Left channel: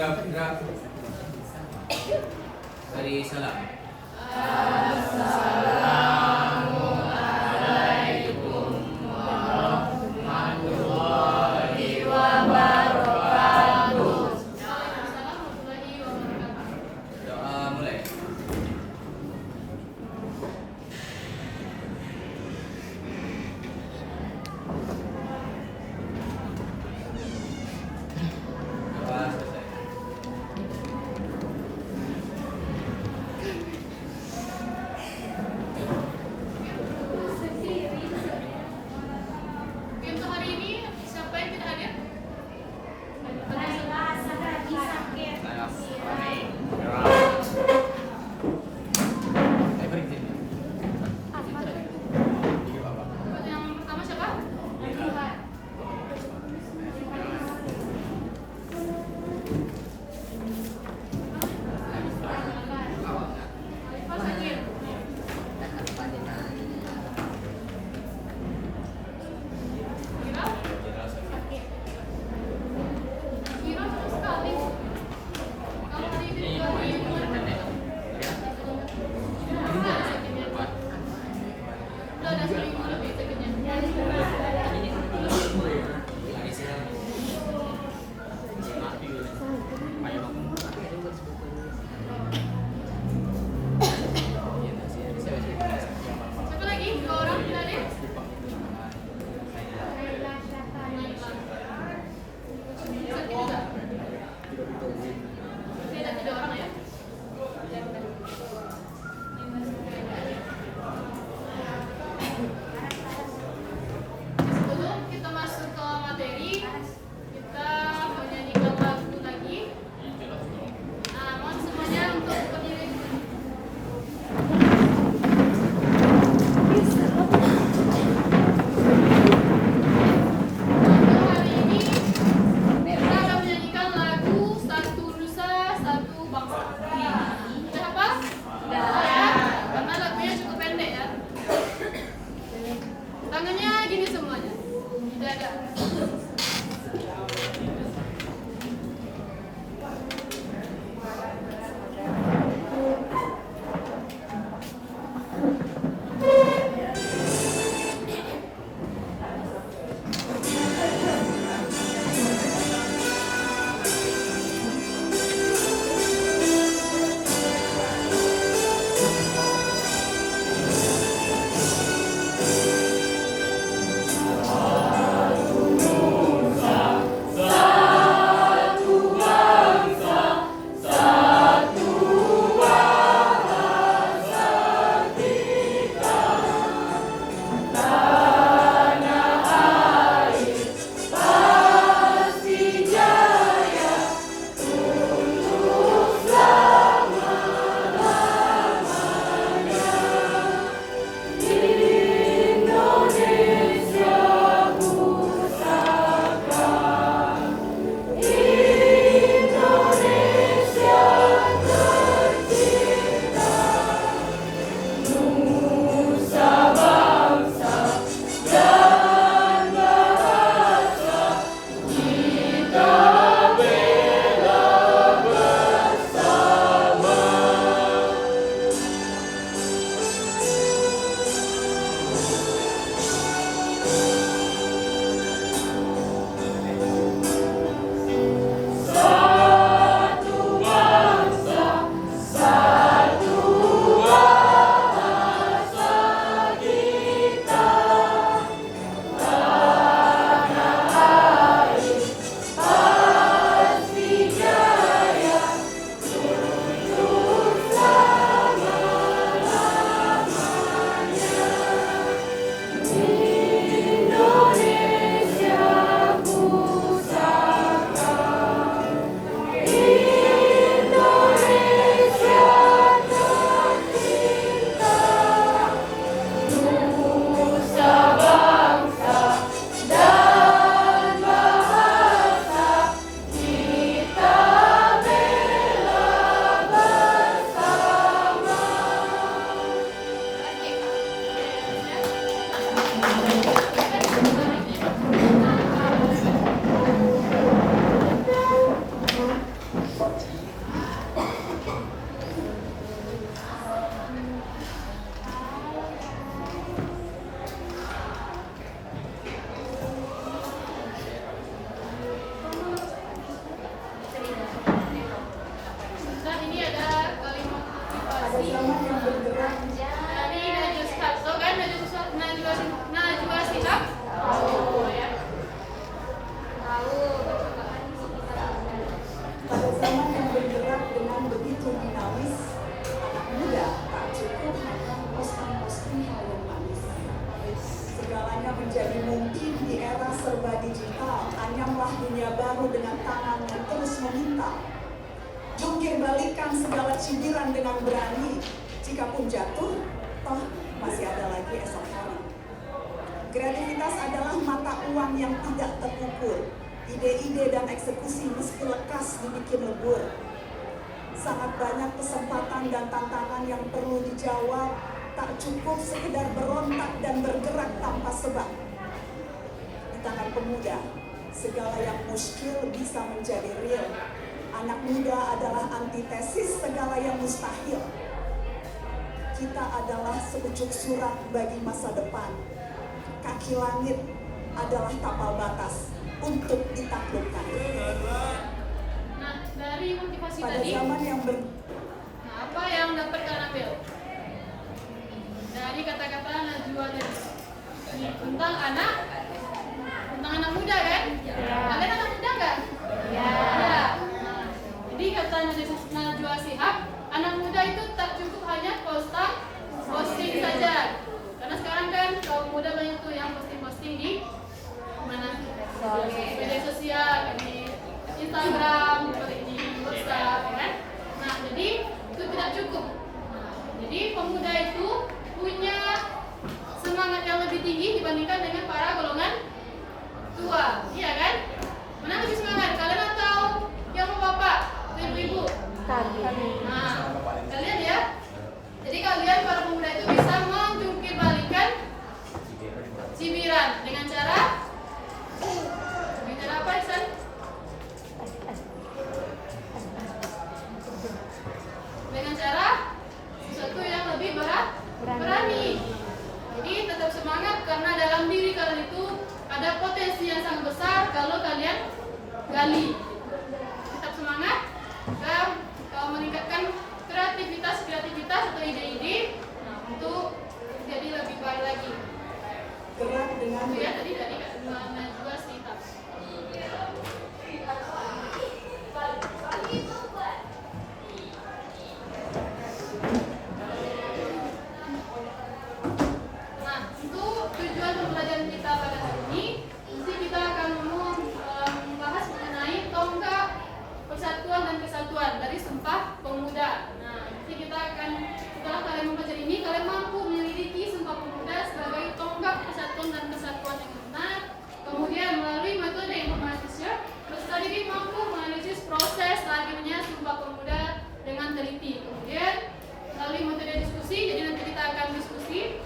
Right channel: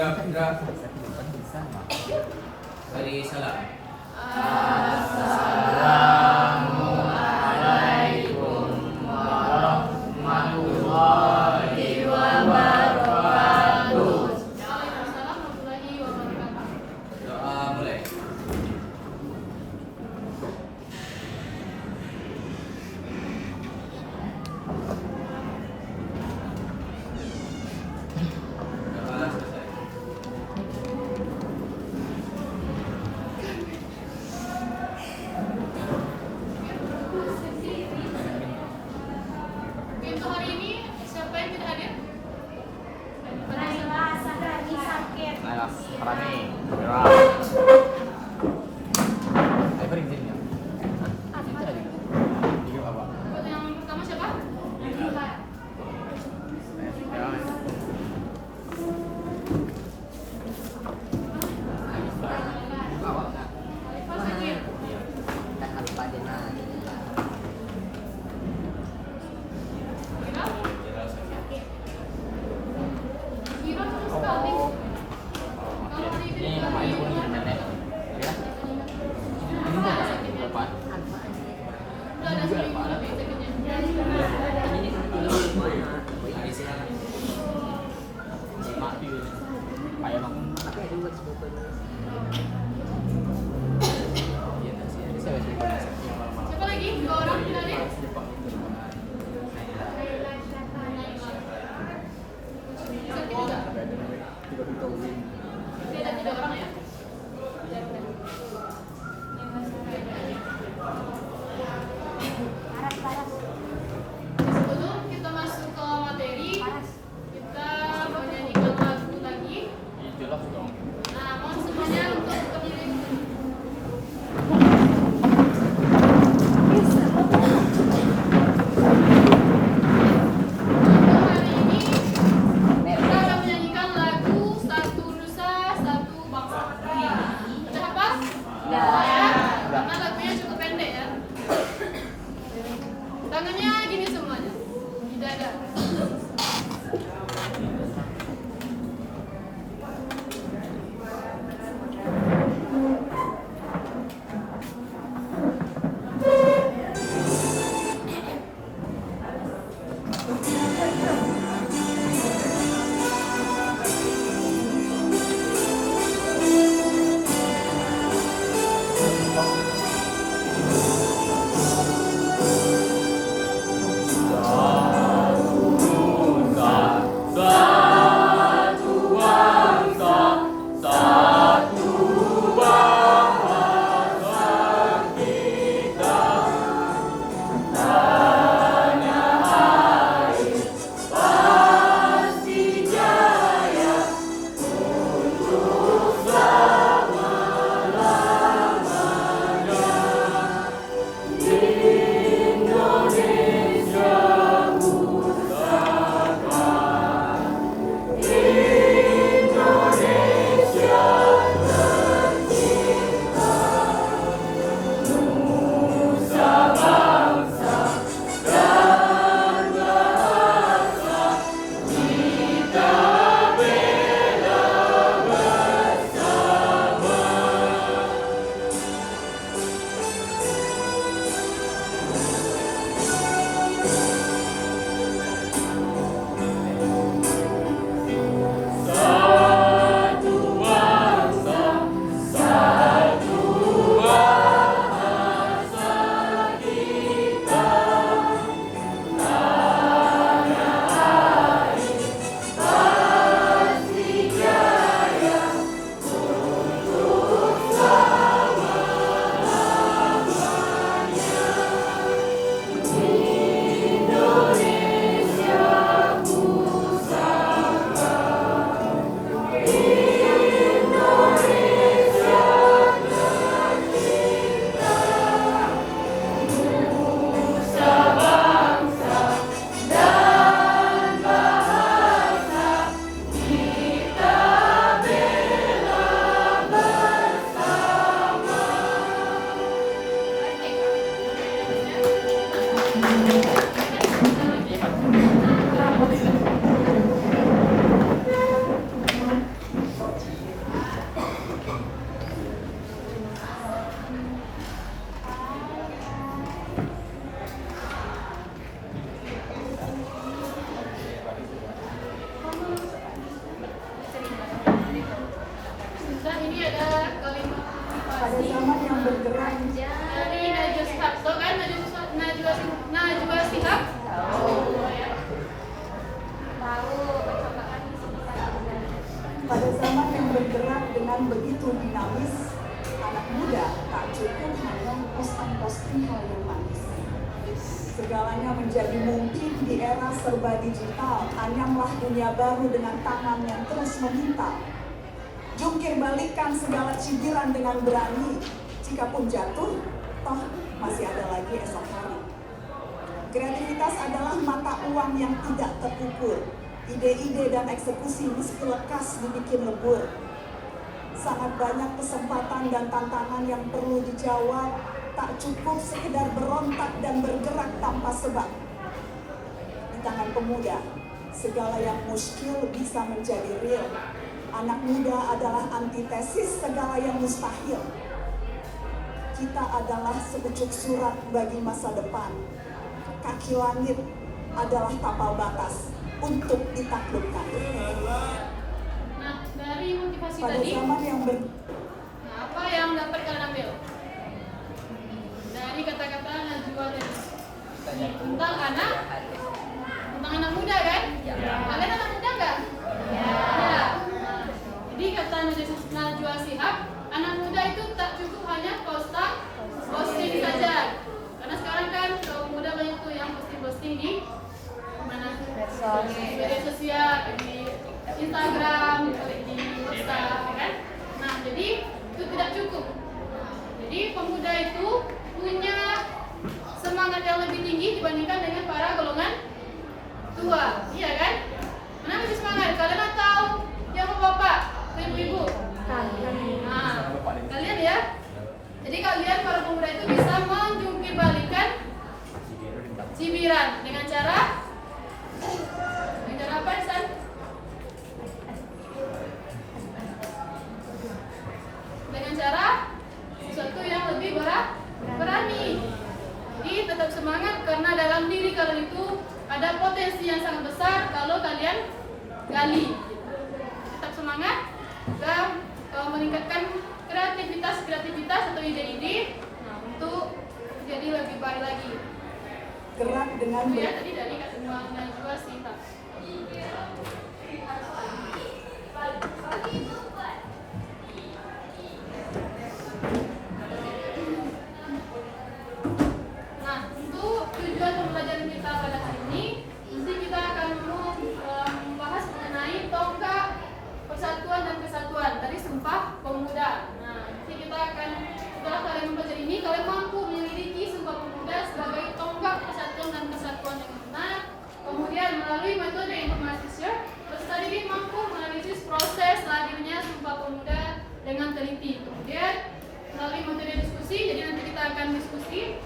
Indra. Beri salam. Doa mulai. Doa selesai. Untuk hari ini siapa yang tidak hadir? Buat yang pertama siapa? Alifah sakit. Kira? Kira sama sekali. Kalau hari ini dari umur udah ada sakitnya. Udah ada seminggu lebih sakitnya. Siapa lagi? Dua orang tidak ada? Sakit juga. Berarti ada 3 orang ya? Sebelum kita masuk ke materi, kita mau nyanyikan lagu lagi. Nah, mohon semuanya untuk berdiri. Untuk hari ini kita akan menyanyikan lagu Satu Nusa Satu Bangsa. Udah hafal? Udah ya? Karena lagunya cukup pendek ya. Tangannya gini semuanya. Di dada. Satu menjadi mungkin di era serba digital, hanyalah dunia baru dengan tangan yang terus meminta. Jungkir balikan segala cibiran dengan berani, jikapun jatuh, toh masih ada lagi esok hari. Kreativitas adalah mata uang yang tidak terukur. Ide-ide dan eksekusi meski lekas dibikin lebur. Sangat banyak kesempatan dan tantangan yang perlu dijawab, tak cukup sekedar berontak dan bergerak tanpa sebab. Di tangan pemuda, segala yang muskil bisa menjadi real. Anak muda adalah antitesis segala yang mustahil. Kita adalah sepucuk surat bagi masa depan. Kaki langit adalah tapal batas untuk ditaklukkan. Nah, dari motivasi Pada tadi, zaman yang nah, apa yang dapat kalian ambil dari kata-kata Najwa tadi? Tentang anak muda kan? Kalian anak muda nggak? Ya. Nah, jadi kata Najwa Shihab, anak muda itu tak cukup hanya posting saja. Karena sekarang kan kaum muda banyak tuh yang posting di mana? Media sosial, di Instagram, di WhatsApp, ya kan? Nah, jadi itu tidak cukup. Nah, jadi pemuda itu punya semangat yang lebih tinggi dibandingkan dengan para golongan tua, iya kan? Mana masih semangat? Kalian atau yang bapak, ibu-ibu? Nah, kalian ya. Jadi kalian para pemuda itu bisa menjungkir balikan cibiran dengan cara apa, Isan? Dengan cara sesuatu yang lebih berani. Jadi tetap semangat karena dalam diri kalian itu ada potensi yang sangat besar kalau kalian gali. Tetap semangat dan meningkatkan kreativitas atau ide-ide untuk jadi lebih baik lagi. gerak dengan Ya, tadi dari Najwa Shihab. Nah, untuk tujuan pembelajaran kita pada hari ini, nanti kita akan membahas mengenai tonggak persatuan dan kesatuan dari Sumpah Pemuda. Nah, nanti setelah kalian mempelajari ini, kalian mampu menyelidiki Sumpah Pemuda sebagai tonggak persatuan dan kesatuan yang benar. Kemudian melalui metode informasi peserta didik mampu menganalisis proses lahirnya Sumpah Pemuda dengan teliti. Kemudian melalui metode diskusi, jadi nanti kita akan diskusi.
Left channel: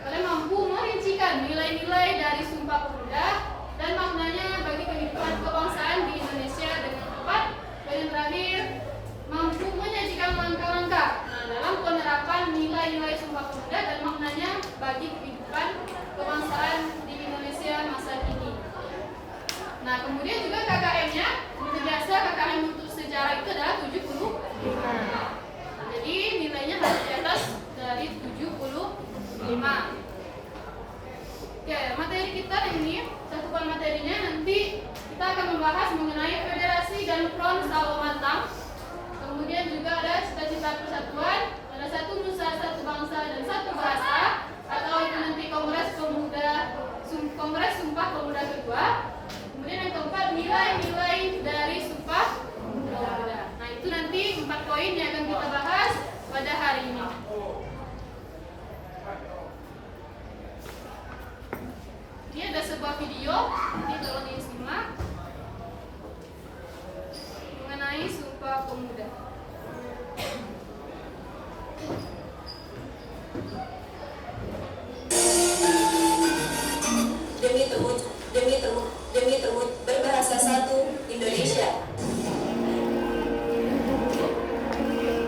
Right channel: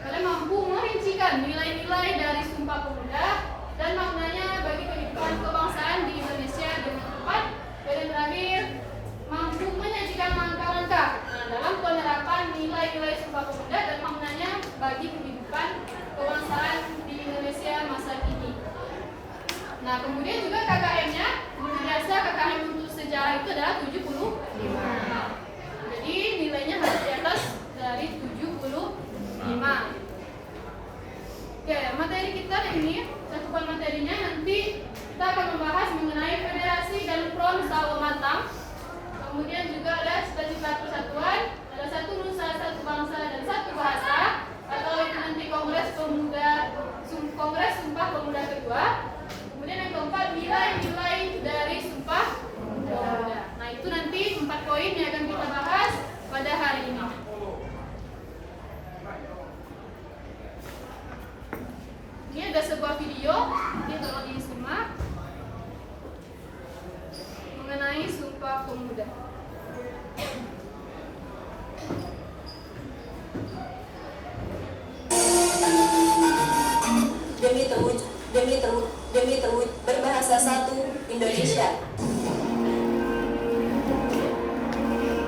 Kalian mampu merincikan nilai-nilai dari Sumpah Pemuda dan maknanya bagi kehidupan kebangsaan di Indonesia dengan tepat. Dan terakhir, mampu menyajikan langkah-langkah dalam penerapan nilai-nilai Sumpah Pemuda dan maknanya bagi kehidupan kebangsaan di Indonesia masa kini. Nah, kemudian juga KKM-nya, seperti biasa KKM untuk sejarah itu adalah 70. Jadi nilainya harus di atas dari 75. Ya, materi kita ini, cakupan materinya nanti kita akan membahas mengenai federasi dan front Sawah Matang. Kemudian juga ada cita-cita persatuan, ada satu nusa, satu bangsa, dan satu bahasa, atau itu nanti Kongres Sumpah Pemuda kedua. Kemudian yang keempat, nilai-nilai dari Sumpah Pemuda. Nah, itu nanti 4 poin yang akan kita bahas pada hari ini. Ini ada sebuah video, ini tolong disimak mengenai Sumpah Pemuda. Demi berbahasa satu Indonesia.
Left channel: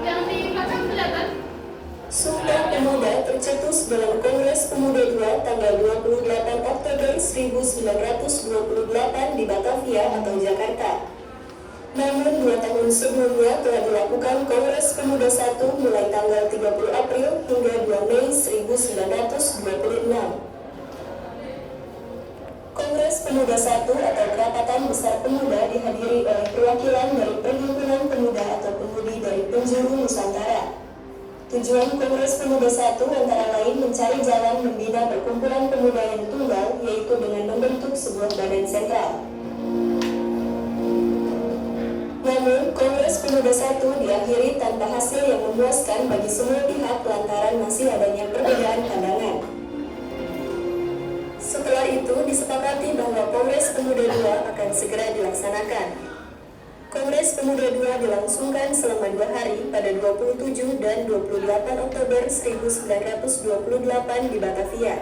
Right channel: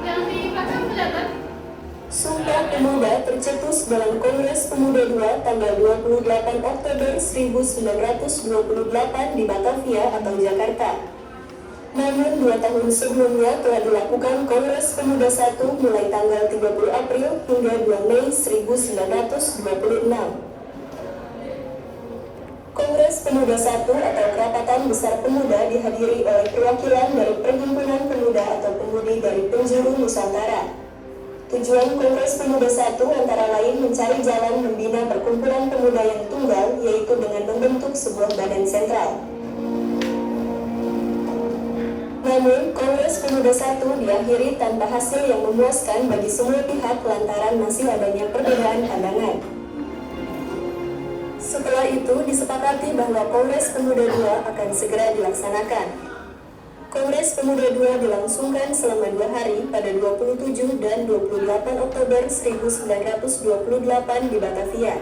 Yang di belakang kelihatan? Sumpah Pemuda tercetus dalam Kongres Pemuda II tanggal 28 Oktober 1928 di Batavia atau Jakarta. Namun 2 tahun sebelumnya telah dilakukan Kongres Pemuda I mulai tanggal 30 April hingga 2 Mei 1926. Kongres Pemuda I atau Kerapatan Besar Pemuda dihadiri oleh perwakilan dari Perhimpunan Pemuda atau Pemudi dari penjuru Nusantara. Tujuan Kongres Pemuda 1 antara lain mencari jalan membina perkumpulan pemuda yang tunggal, yaitu dengan membentuk sebuah badan sentral. Namun, Kongres Pemuda 1 diakhiri tanpa hasil yang memuaskan bagi semua pihak lantaran masih adanya perbedaan pandangan. Setelah itu disepakati bahwa Kongres Pemuda 2 akan segera dilaksanakan. Kongres Pemuda 2 dilangsungkan selama 2 hari pada 27 dan 28 Oktober 1928 di Batavia.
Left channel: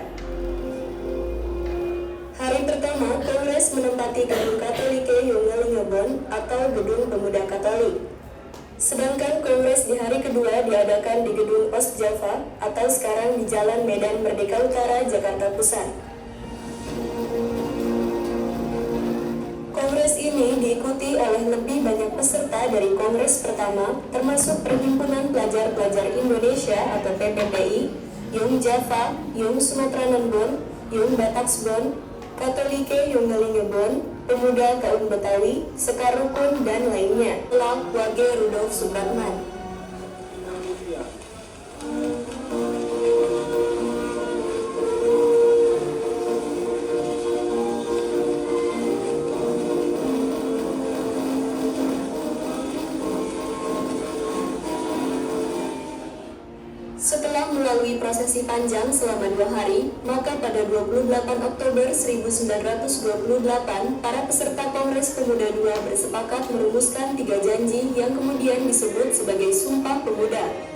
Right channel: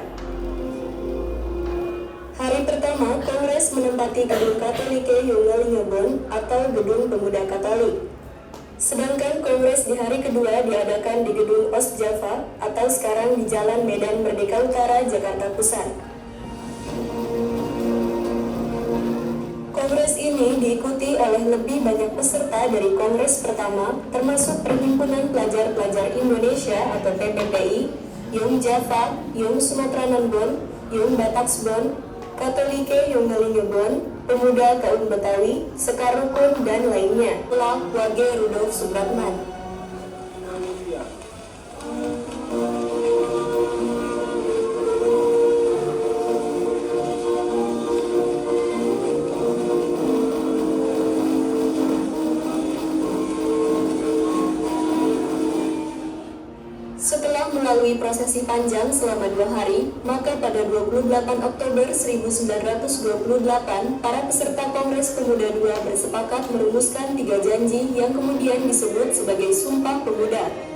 Hari pertama, Kongres menempati Gedung Katolike Jongelingebon atau Gedung Pemuda Katolik. Sedangkan Kongres di hari kedua diadakan di Gedung Ostjava atau sekarang di Jalan Medan Merdeka Utara, Jakarta Pusat. Kongres ini diikuti oleh lebih banyak peserta dari Kongres pertama, termasuk Perhimpunan Pelajar-Pelajar Indonesia atau PPPI, Jong Java, Jong Sumatrananbon, Jong Bataksbon, Katolike Jongelingebon, Pemuda Kaum Betawi, Sekar Rukun, dan lainnya. Lah Wage Rudolf Supratman. Setelah melalui prosesi panjang selama 2 hari, maka pada 28 Oktober 1928, para peserta Kongres Pemuda 2 bersepakat merumuskan 3 janji yang kemudian disebut sebagai Sumpah Pemuda.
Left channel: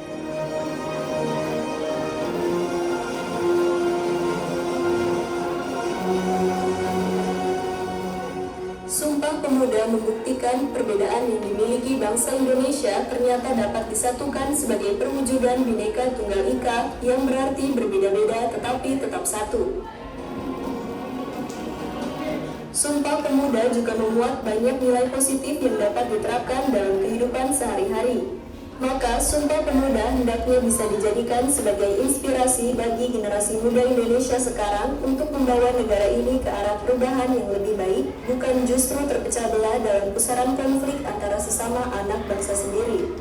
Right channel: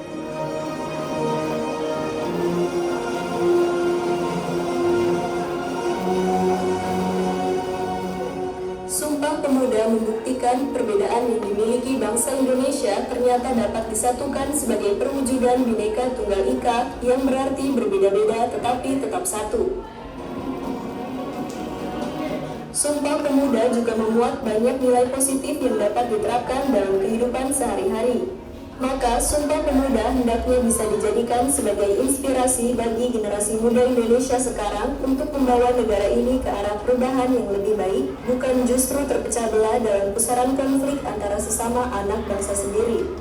Sumpah Pemuda membuktikan perbedaan yang dimiliki bangsa Indonesia ternyata dapat disatukan sebagai perwujudan Bhinneka Tunggal Ika yang berarti berbeda-beda tetapi tetap satu. Sumpah Pemuda juga memuat banyak nilai positif yang dapat diterapkan dalam kehidupan sehari-hari. Maka Sumpah Pemuda hendaknya bisa dijadikan sebagai inspirasi bagi generasi muda Indonesia sekarang untuk membawa negara ini ke arah perubahan yang lebih baik, bukan justru terpecah belah dalam pusaran konflik antara sesama anak bangsa sendiri.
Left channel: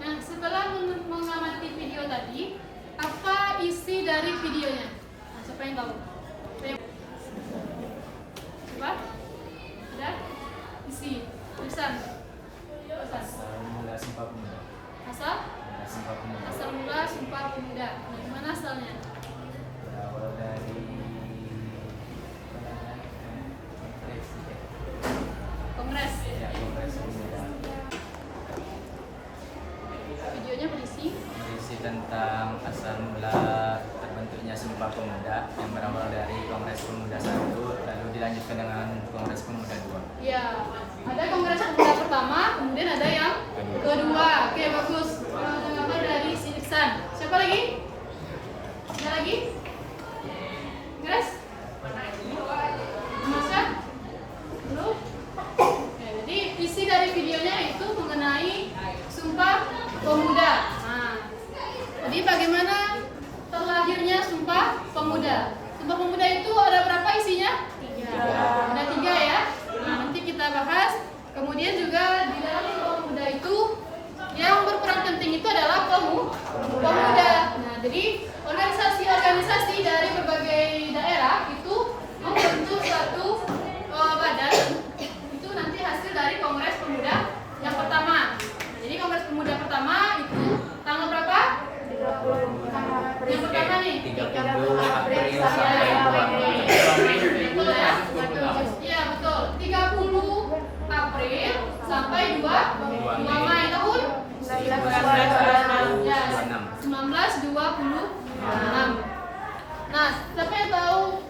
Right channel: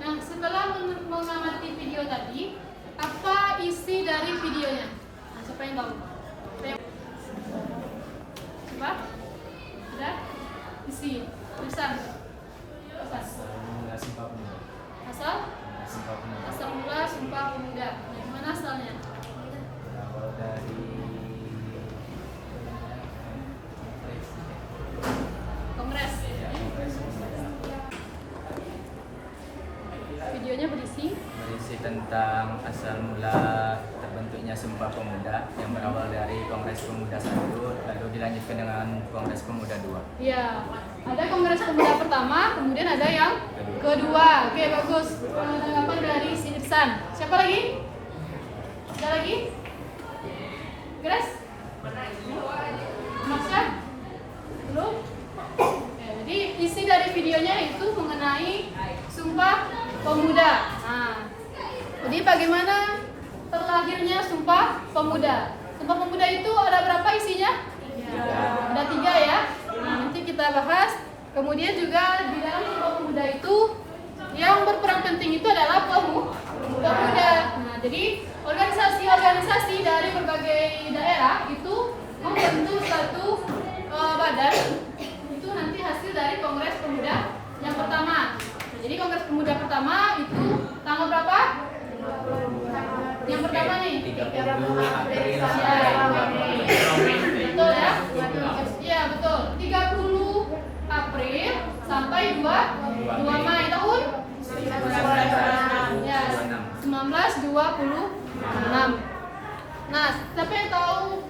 Nah, setelah mengamati video tadi, apa isi dari videonya? Nah, siapa yang tahu? Coba? Ada? Isi tulisan. Asal mula Sumpah Pemuda. Asal? Sumpah Pemuda. Asal mula Sumpah Pemuda. Nah, gimana asalnya? Berawal dari Kongres. ya, Kongres Pemuda. Videonya berisi tentang asal mula terbentuknya Sumpah Pemuda yang berawal dari Kongres Pemuda 1 lalu dilanjutkan dengan Kongres Pemuda 2. Iya. Ada Kongres Pemuda pertama, kemudian ada yang kedua. Oke, bagus. Apa dari Siniksan? Siapa lagi? Ada lagi? Grace? Masya? Belum? Oke, jadi isi dari videonya itu mengenai Sumpah Pemuda. Nah, jadi bagaimana terlahirnya Sumpah Pemuda? Sumpah Pemuda itu ada berapa isinya? Ada 3 ya. Nah, nanti kita bahas. Kemudian juga di dalam Sumpah Pemuda itu yang berperan penting itu adalah pemuda. Nah, jadi organisasi-organisasi dari berbagai daerah itu membentuk suatu badan. Itu nanti hasil dari Kongres Pemuda yang pertama. Nah, jadi Kongres Pemuda pertama itu tanggal berapa? Yang pertama nih. 30 April sampai 2. Betul ya? Iya, betul. 30 April sampai 2 Mei tahun 1926. Nah, siapa yang tahu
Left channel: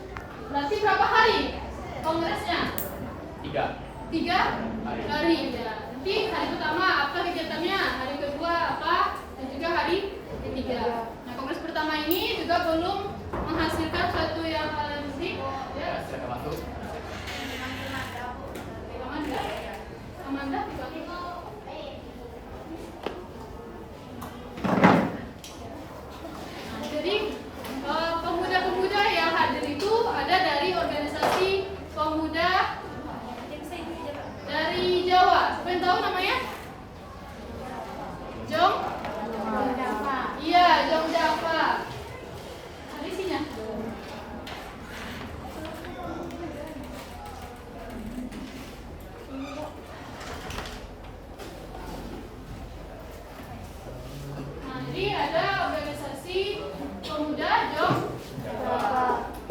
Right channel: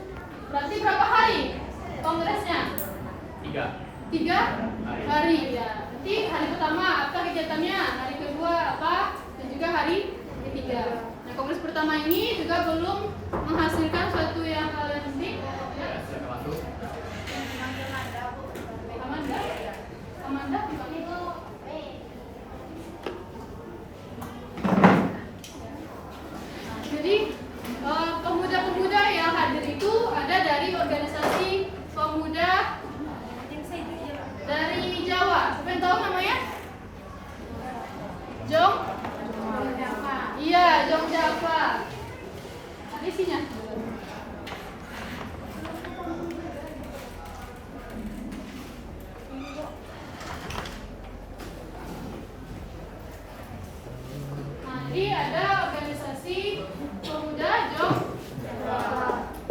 berarti berapa hari kongresnya? 3 hari ya. Nanti hari pertama apa kegiatannya, hari kedua apa, dan juga hari ketiga. Nah, kongres pertama ini juga belum menghasilkan suatu yang hal yang penting. Ya. Amanda juga. Jadi pemuda-pemuda yang hadir itu ada dari organisasi pemuda dari Jawa. Siapa yang tahu namanya? Jong? Iya, Jong Java. Ada isinya. Jadi ada organisasi pemuda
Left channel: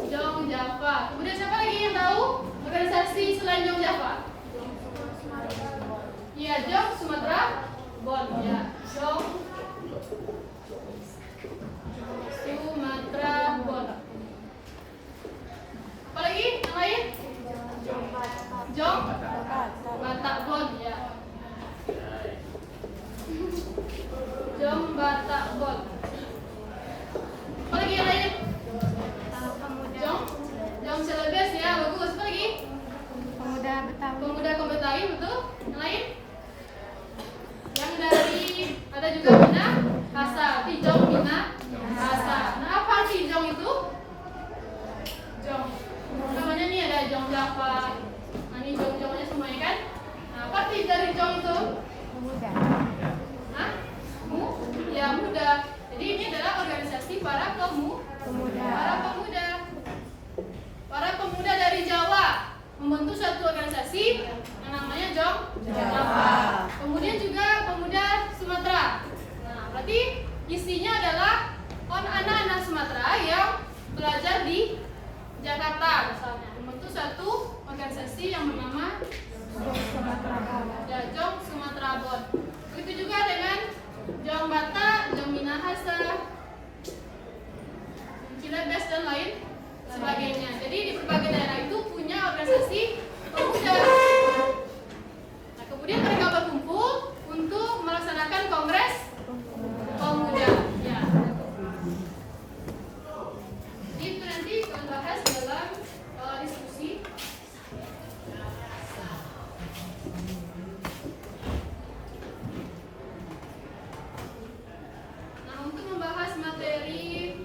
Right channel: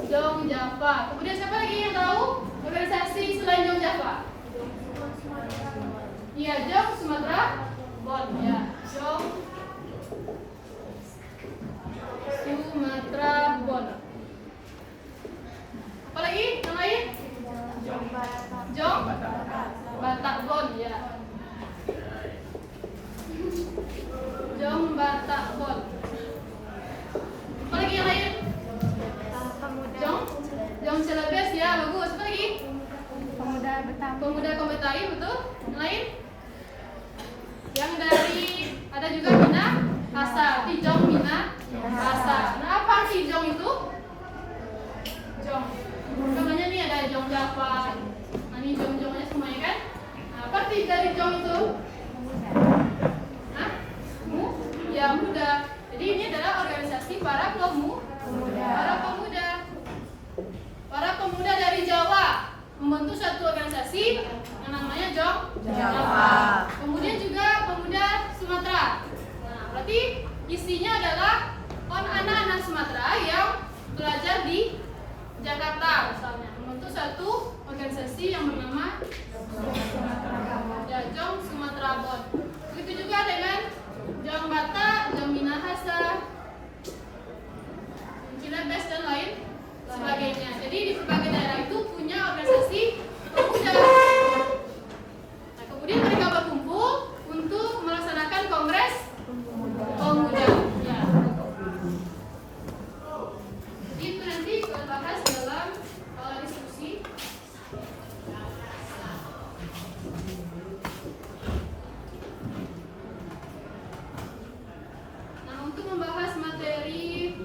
Jong Java. Kemudian siapa lagi yang tahu organisasi selain Jong Java? Iya, Jong Sumatera Bon. Ya, Jong Sumatera Bon. Apa lagi? Yang lain? Jong Batak Bon. Ya. Jong Batak Bon. Apa lagi yang lain? Jong Celebes ya, bagus. Apa lagi? Pemuda Betawi. Pemuda Betawi, betul. Yang lain? Yang dari ada juga Mina Kasa, Jong Mina Kasa. Nah, apa arti Jong itu? Jong. Namanya nih ada Jong Java. Nah, ini Jong-Jongnya semuanya kan? Nah, apa arti dari Jong itu? Pemuda. Hah? Ya, muda. Jadi ini adalah organisasi para Pemuda. Para pemuda dari Jawa membentuk satu organisasi yang namanya Jong Java. Kemudian juga pemuda Sumatera. Nah, berarti isinya adalah anak-anak Sumatera yang belajar di Jakarta misalnya, membentuk satu organisasi yang bernama Jong Sumatera Bon. Begitu juga dengan Jong Batak, Jong Minahasa, Cilebes dan lain sebagainya. Jadi di berbagai daerah itu punya organisasi pemuda. Nah, kemudian mereka berkumpul untuk melaksanakan kongres pemuda. Ya. Itu nanti kita bahas dalam diskusi. Nah, untuk membahas materi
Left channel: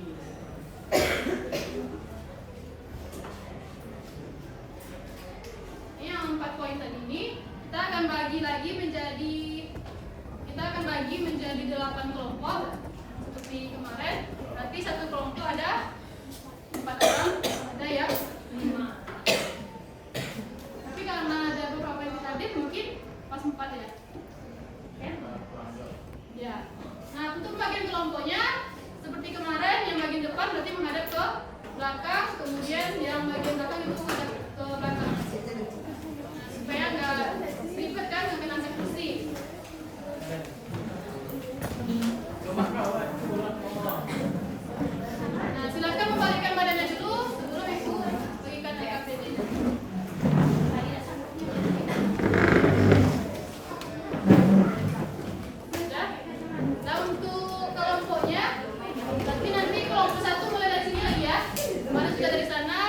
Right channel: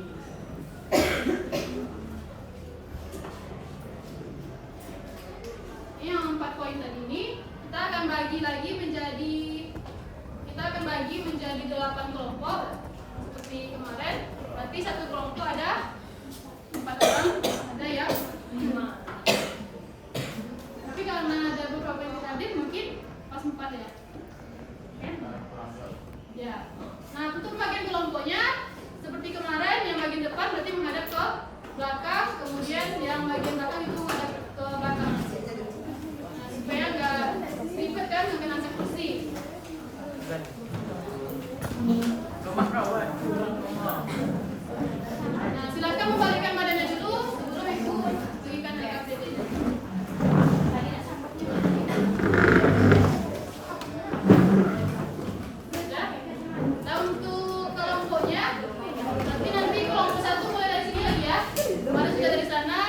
yang 4 poin tadi ini, kita akan bagi menjadi 8 kelompok seperti kemarin. Berarti satu kelompok ada 4 orang, ada yang 5. Tapi karena ada beberapa yang hadir mungkin pas 4 ya. Oke? Ya. Nah, untuk bagian kelompoknya seperti kemarin, yang bagian depan berarti menghadap ke belakang, kemudian yang bagian belakang itu menghadap ke belakang. Nah, supaya nggak ribet kan, nggak kena angkat kursi. Nah, silakan membalikkan badannya dulu sebelum ibu bagikan APD-nya. Sudah? Nah, untuk kelompoknya, nanti kelompok 1 mulai dari sini lagi ya. Kemarin sudah dari sana,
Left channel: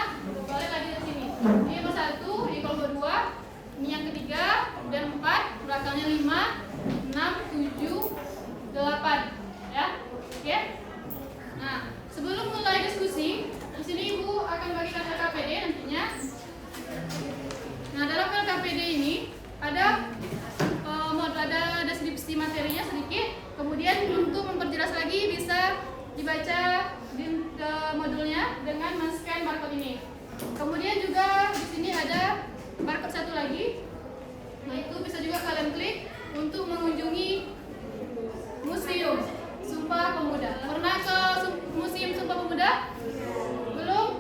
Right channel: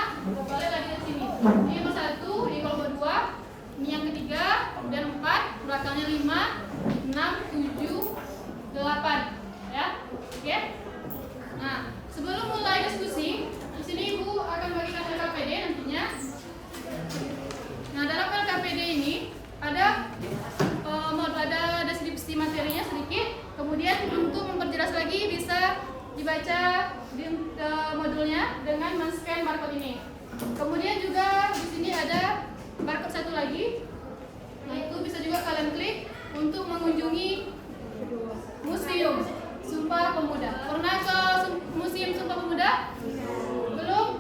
balik lagi ke sini. Ini nomor 1, ini kelompok 2, ini yang ketiga, dan 4, belakangnya 5, 6, 7, 8. Ya, oke? Nah, sebelum mulai diskusi, di sini ibu akan bagikan LKPD nantinya. Nah, dalam LKPD ini ada deskripsi materinya sedikit. Kemudian untuk memperjelas lagi bisa dibaca di modulnya dengan men-scan barcode ini. Kemudian juga di sini ada barcode satu lagi. Nah, itu bisa juga kalian klik untuk mengunjungi Museum Sumpah Pemuda. Pernah ke Museum Sumpah Pemuda? Belum?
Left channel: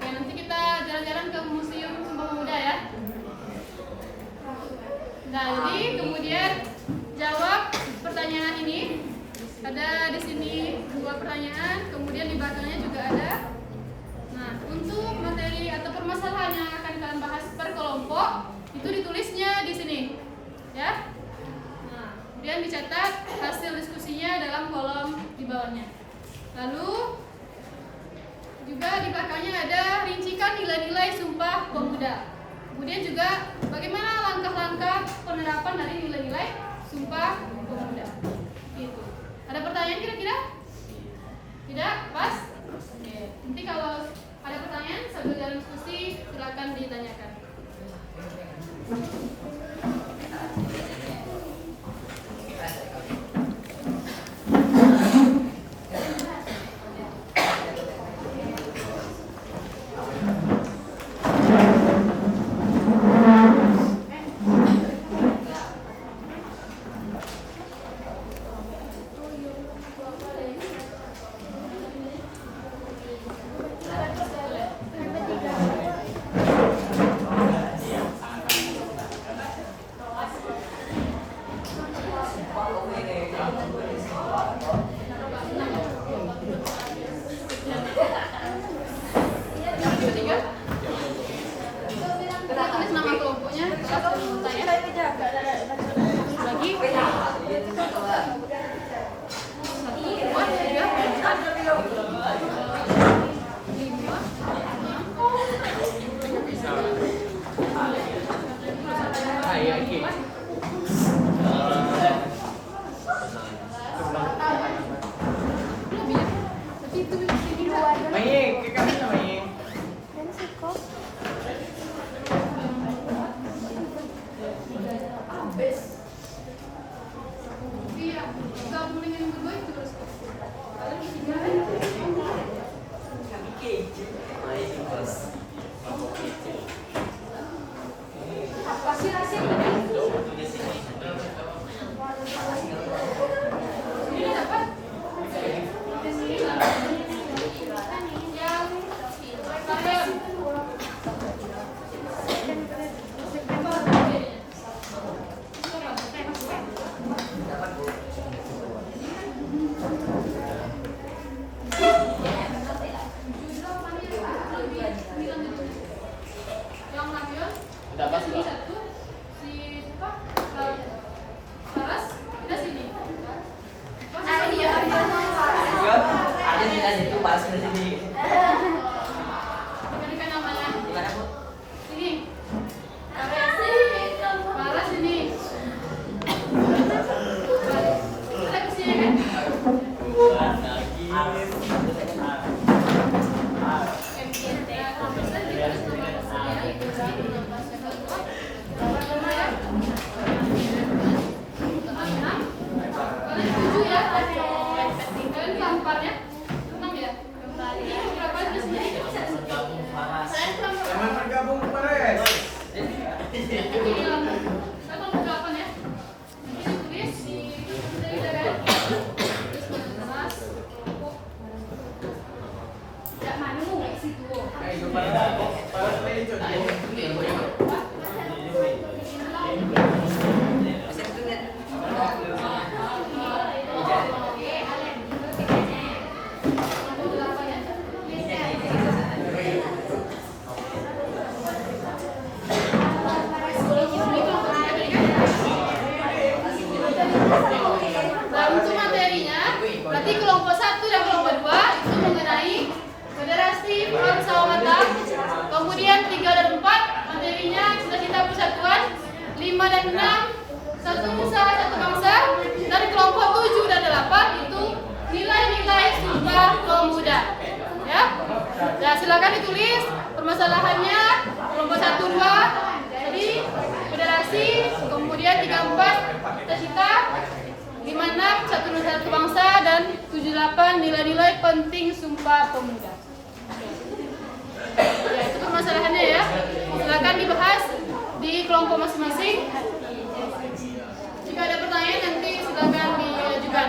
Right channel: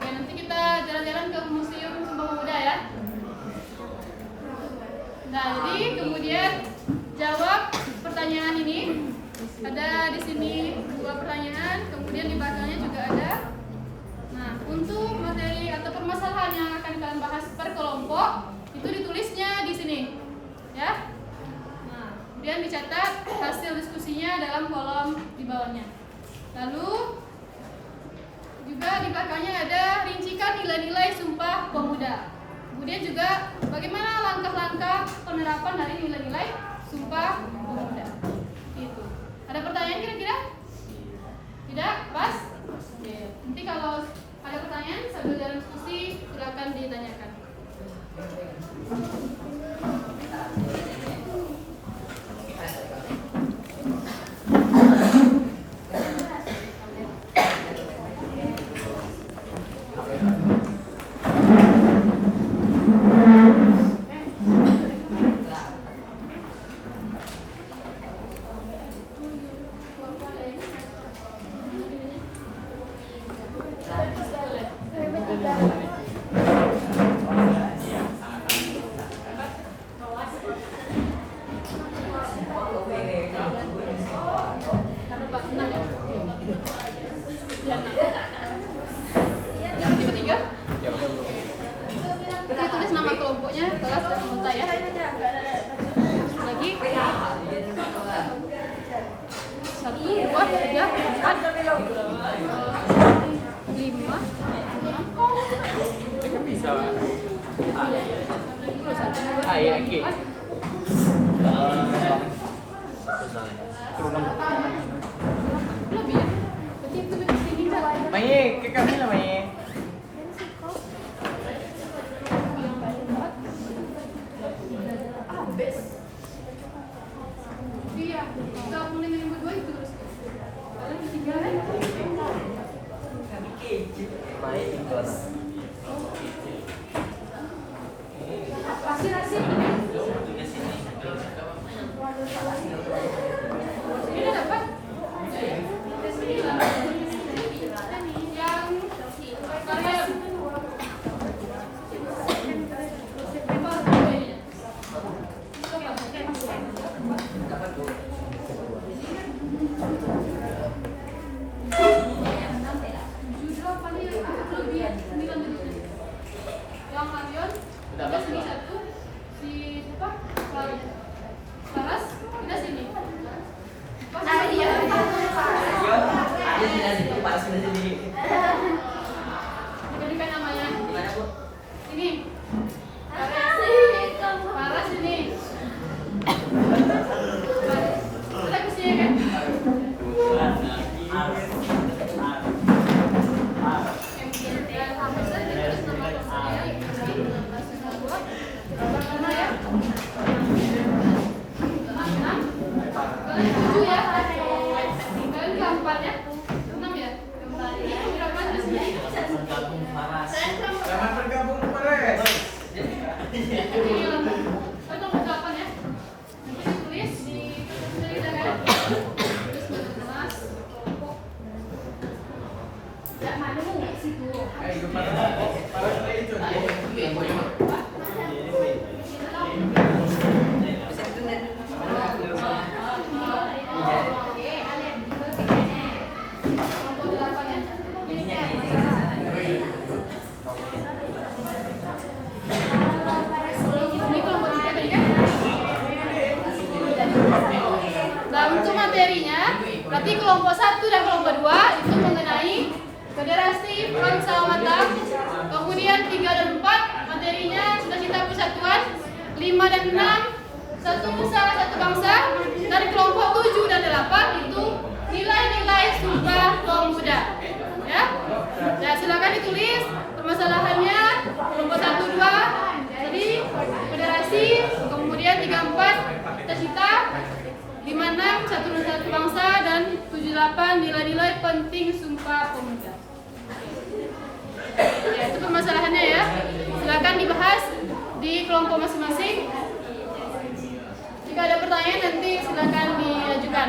Oke, nanti kita jalan-jalan ke Museum Sumpah Pemuda ya. Nah, jadi kemudian jawab pertanyaan ini. Ada di sini 2 pertanyaan, kemudian di belakangnya juga ada. Nah, untuk materi atau permasalahan yang akan kalian bahas per kelompok itu ditulisnya di sini, ya. Nah, kemudian dicatat hasil diskusinya dalam kolom di bawahnya. Lalu juga di belakangnya ada rincikan nilai-nilai Sumpah Pemuda. Kemudian juga bagaimana langkah-langkah penerapan dari nilai-nilai Sumpah Pemuda. Gitu. Ada pertanyaan kira-kira? Tidak? Pas? Oke. Nanti kalau ada pertanyaan sambil dalam diskusi silakan ditanyakan. Kita tulis nama kelompoknya, kelas dan anggota ya. Lagi 1, 2, 3, 5 dan 6 satu nusa satu bangsa, dan kelompok 7 dan 8 itu nilai-nilai Sumpah Pemuda. Ya, ya silakan ditulis permasalahannya kelompok 1, 2 jadi federasi, kemudian 3, 4 cita-cita, 5, 6 satu nusa satu bangsa, dan 7, 8 nilai-nilai penting Sumpah Pemuda. Ya, itu permasalahannya ya. Silakan dibahas di kelompok masing-masing. Jika ada pertanyaan nanti silakan diajukan.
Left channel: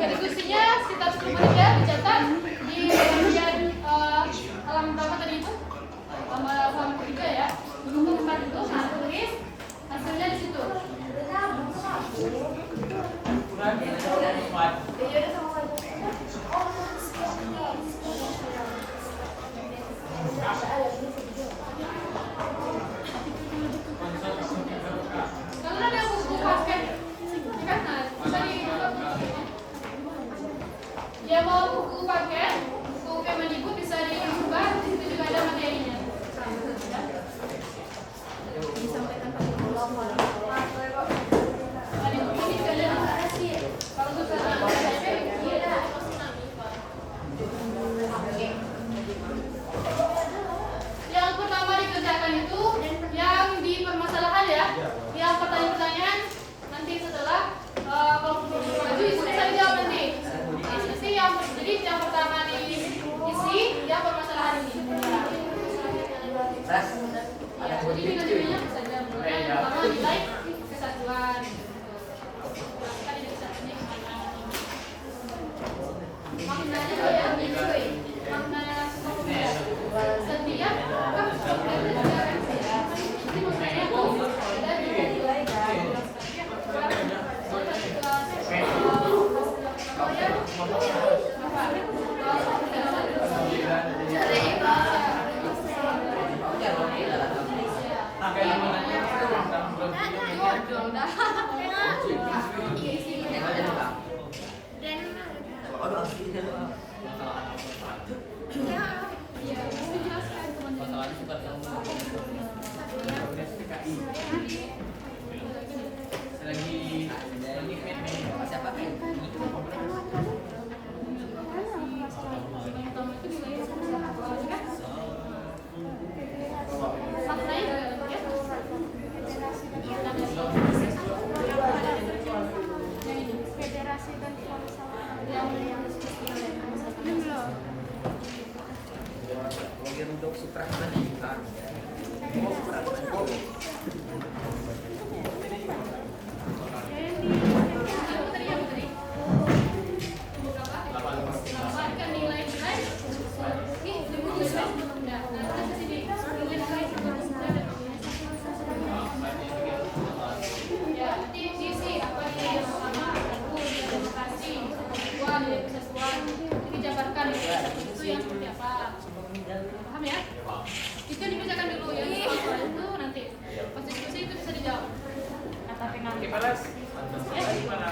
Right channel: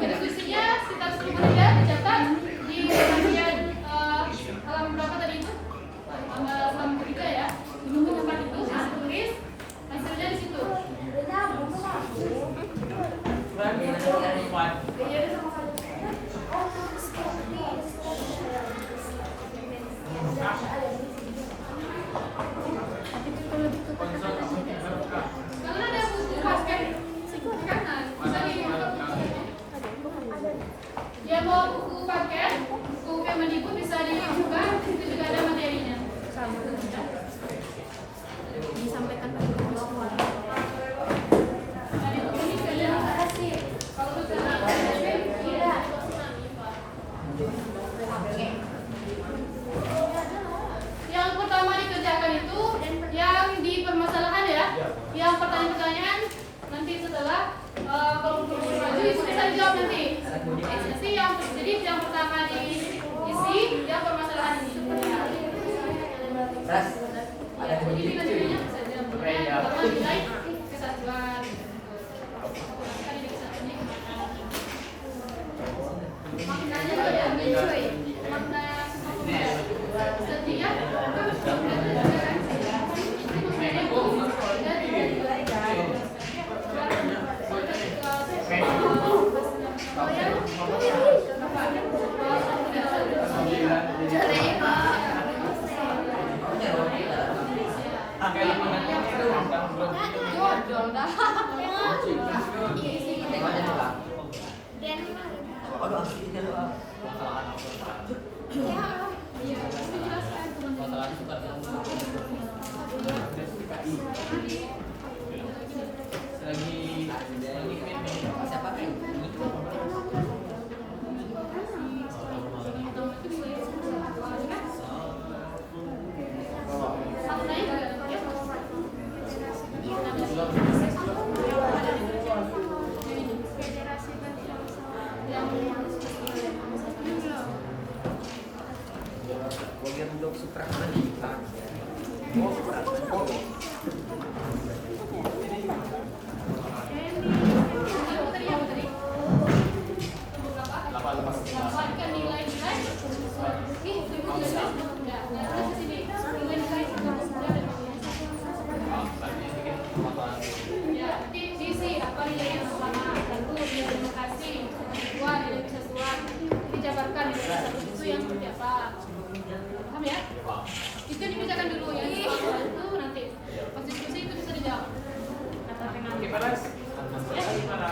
Diskusinya sekitar 10 menit ya, dicatat di bagian halaman berapa tadi itu? Halaman ketiga ya. Di buku 4 itu saya tulis hasilnya di situ. Karena ada buku paket, kan? Nah, dia mau buku paket, buku Kemendikbud bisa dibuka, di situ juga ada materinya. Disampaikan ke guru sekolah. Yang pertama dikerjakan itu yang di permasalahan ya, yang pertanyaan-pertanyaan nanti setelah kalau maju itu bisa dijawab nanti. Jadi yang pertama diisi yang permasalahan ini. Jadi nilai-nilainya bisa dijawab. Pertama nilai kesatuan. Maknanya juga diambil cuy. Maknanya sumpah pemuda. Setiap Federasi dan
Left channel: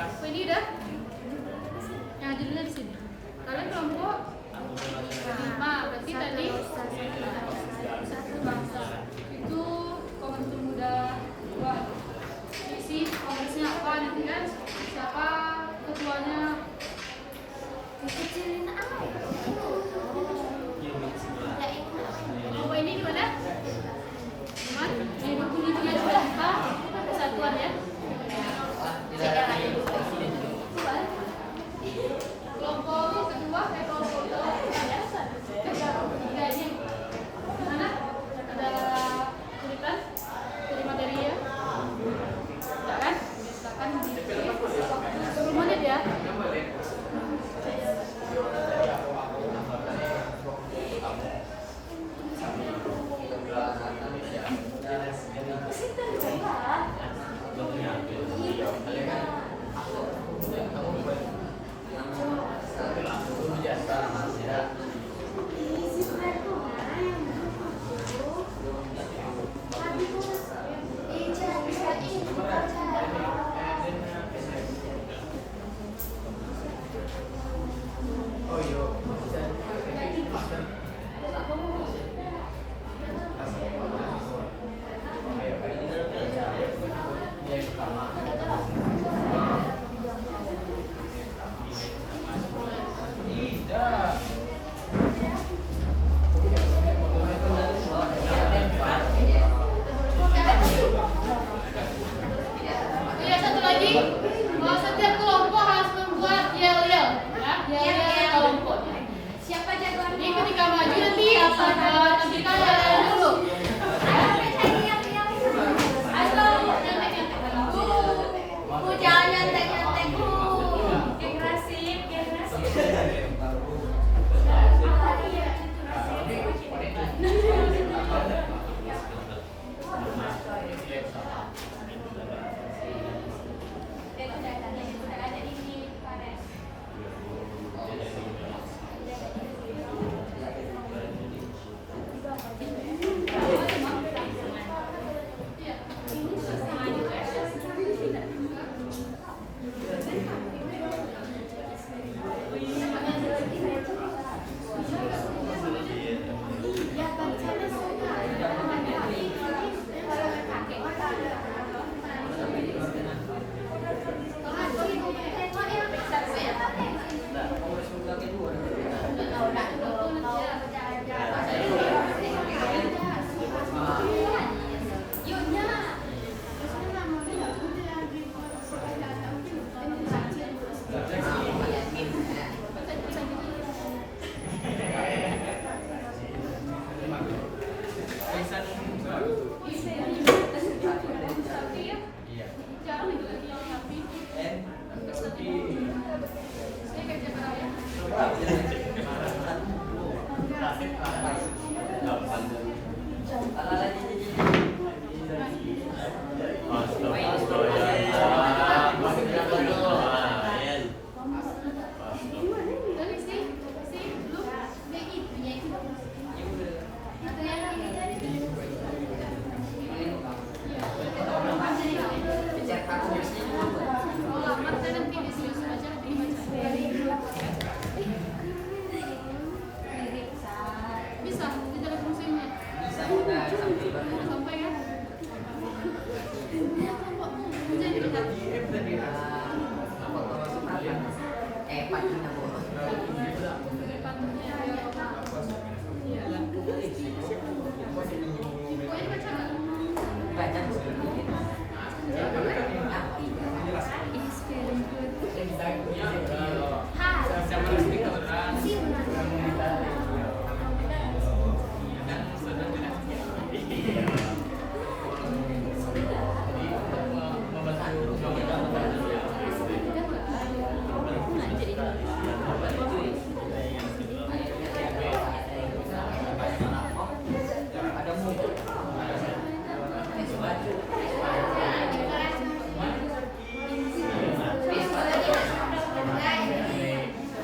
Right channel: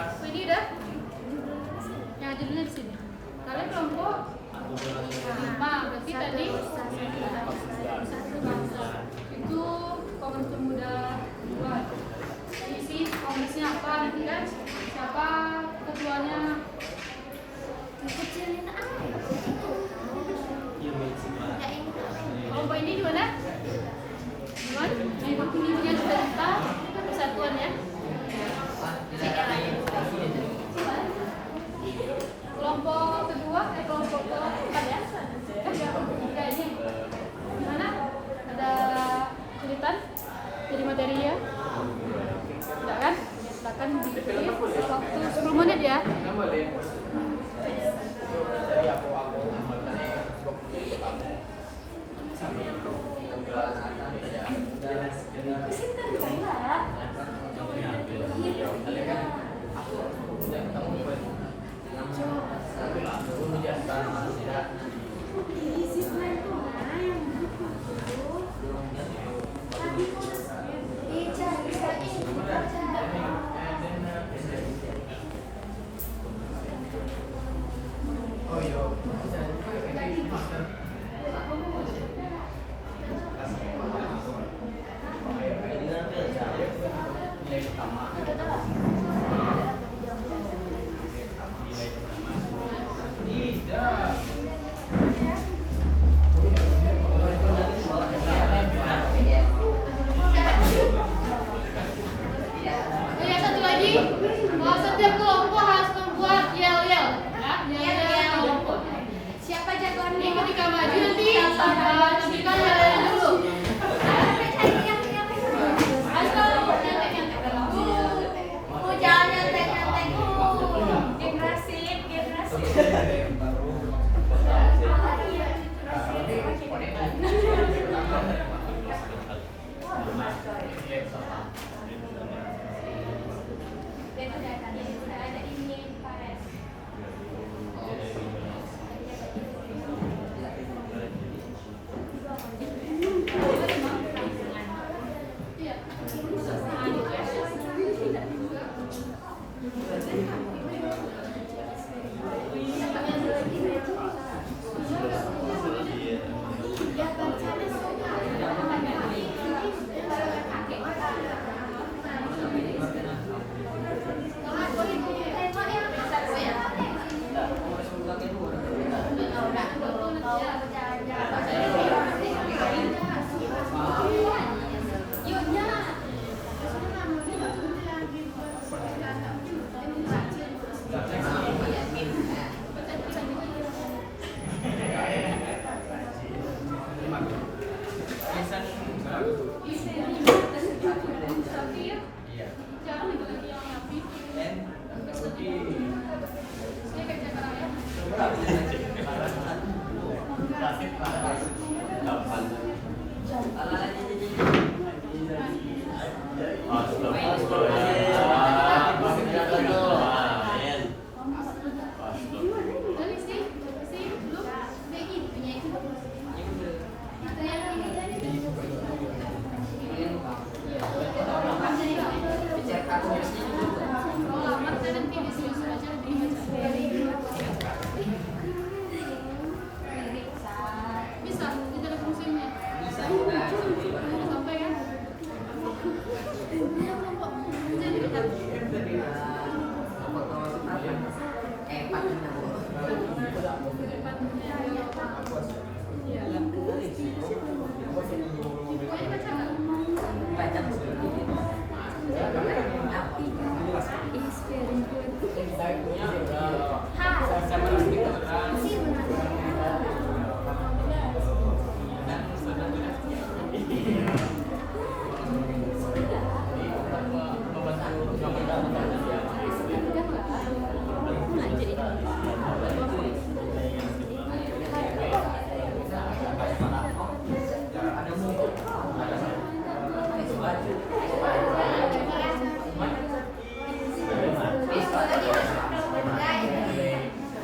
ini dah. Yang judulnya di sini. Kalian kelompok 5, berarti tadi satu bangsa. Itu Kongres Pemuda 2. Isi kongresnya apa nanti kan? Siapa ketuanya? Kecilin aja. Kelompok ini gimana? Gimana? Yang tujuannya apa? Persatuan ya. Kelompok kedua, kelompok keempat ya. Kelompok ketiga ini gimana? Ada kesulitan dari materinya? Tidak kan? Bahkan di waktu 10 menit ya. Satu lagi, setiap kelompok harus membuat yel-yel, ya, yel-yel kelompok. Siapa jagoan? Ini ketika maju nanti kita yel-yel dulu. Ayo, nyantek-nyantek dulu. Jangan nyantek-nyantek. Generasi. Udah ada ini Fares.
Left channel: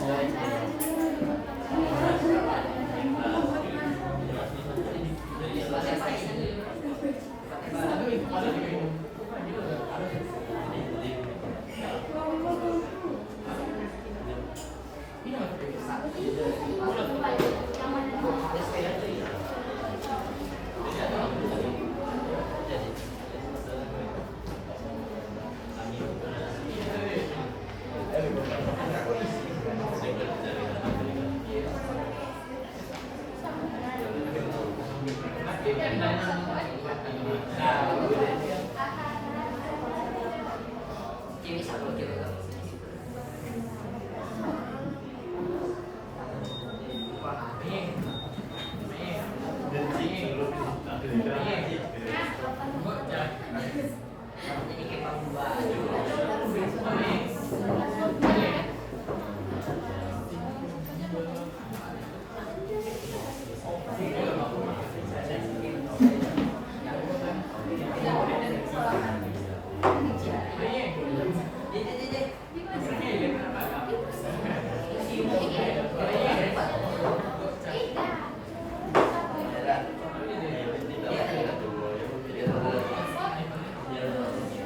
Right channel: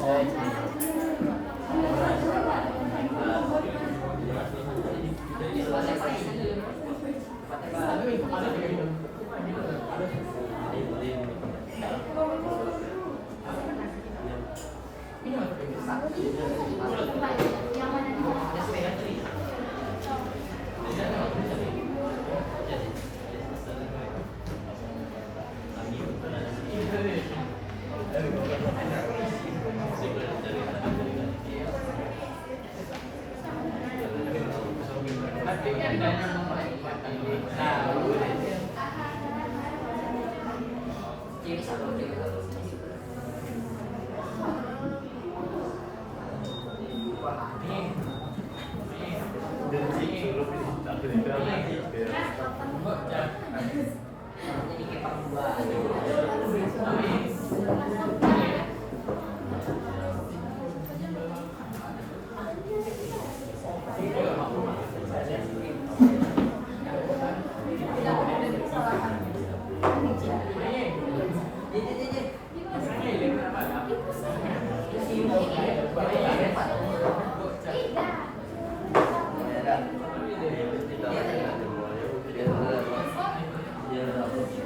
Guys,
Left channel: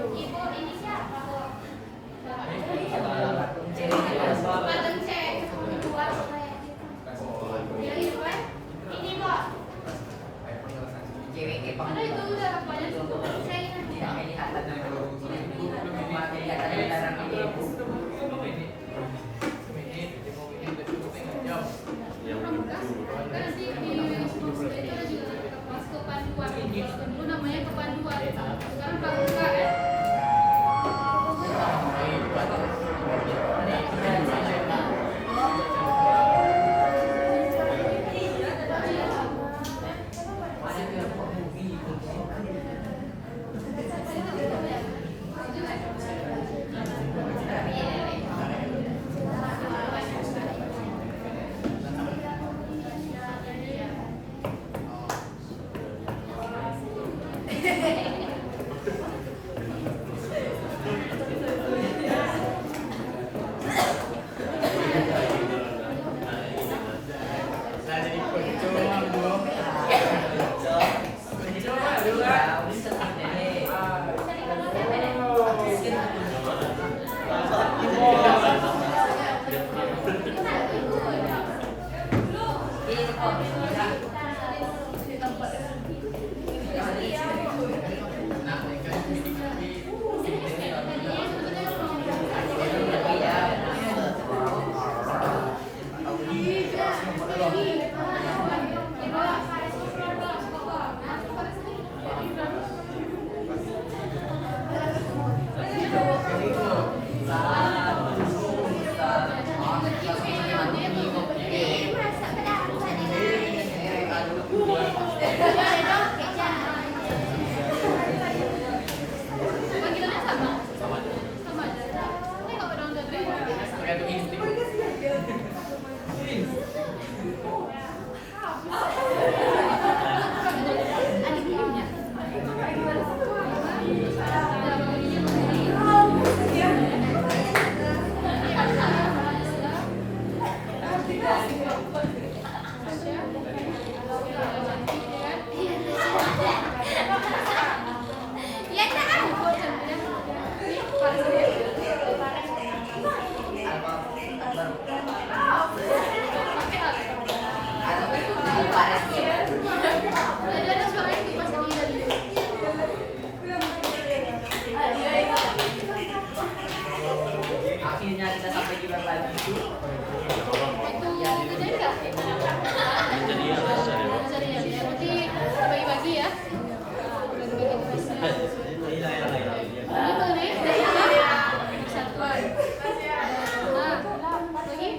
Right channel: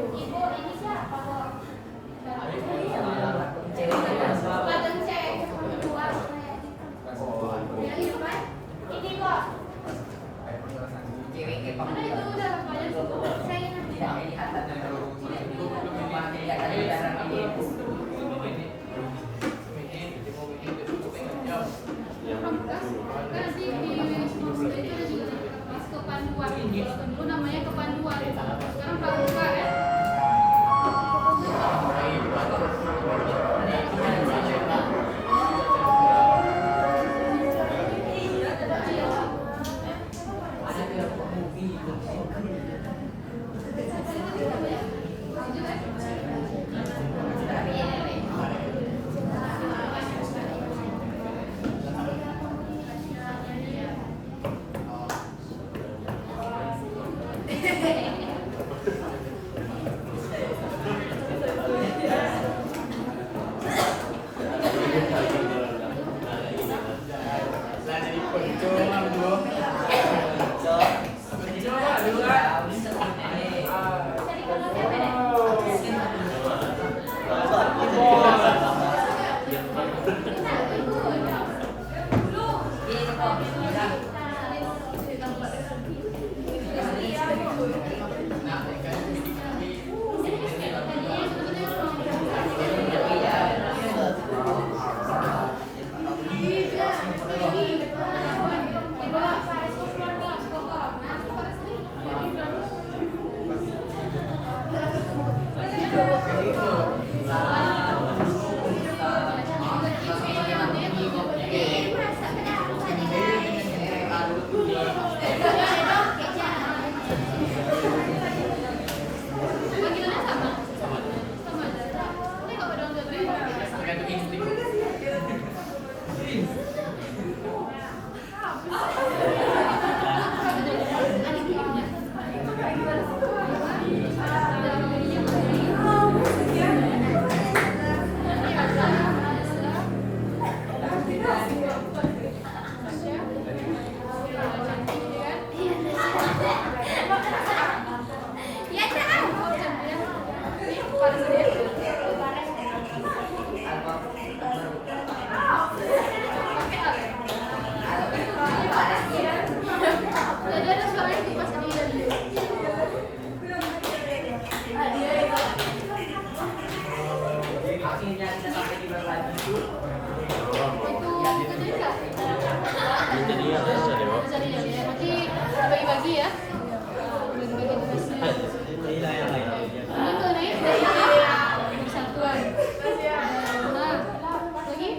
Ibu ini siapa, Bu? Ada itu udah rekamannya situ. Nanti di semua itu ada juga kelas kepanduan. Kalau dulu namanya kepanduan. Sekarang pramuka ya. Panggilannya sama? Sama aja. Ini nggak pada udah Tergantung insting. Ya, Kak. Tadi ada suaranya tuh pas ini dari Akhirnya kita sampai juga lagi itu. itu kerjain nggak? Bisa dilihat ya. Nanti bagi-bagi ya. Bagi-bagi tugasnya. Ini mengenai persatuan. Nah, lagi?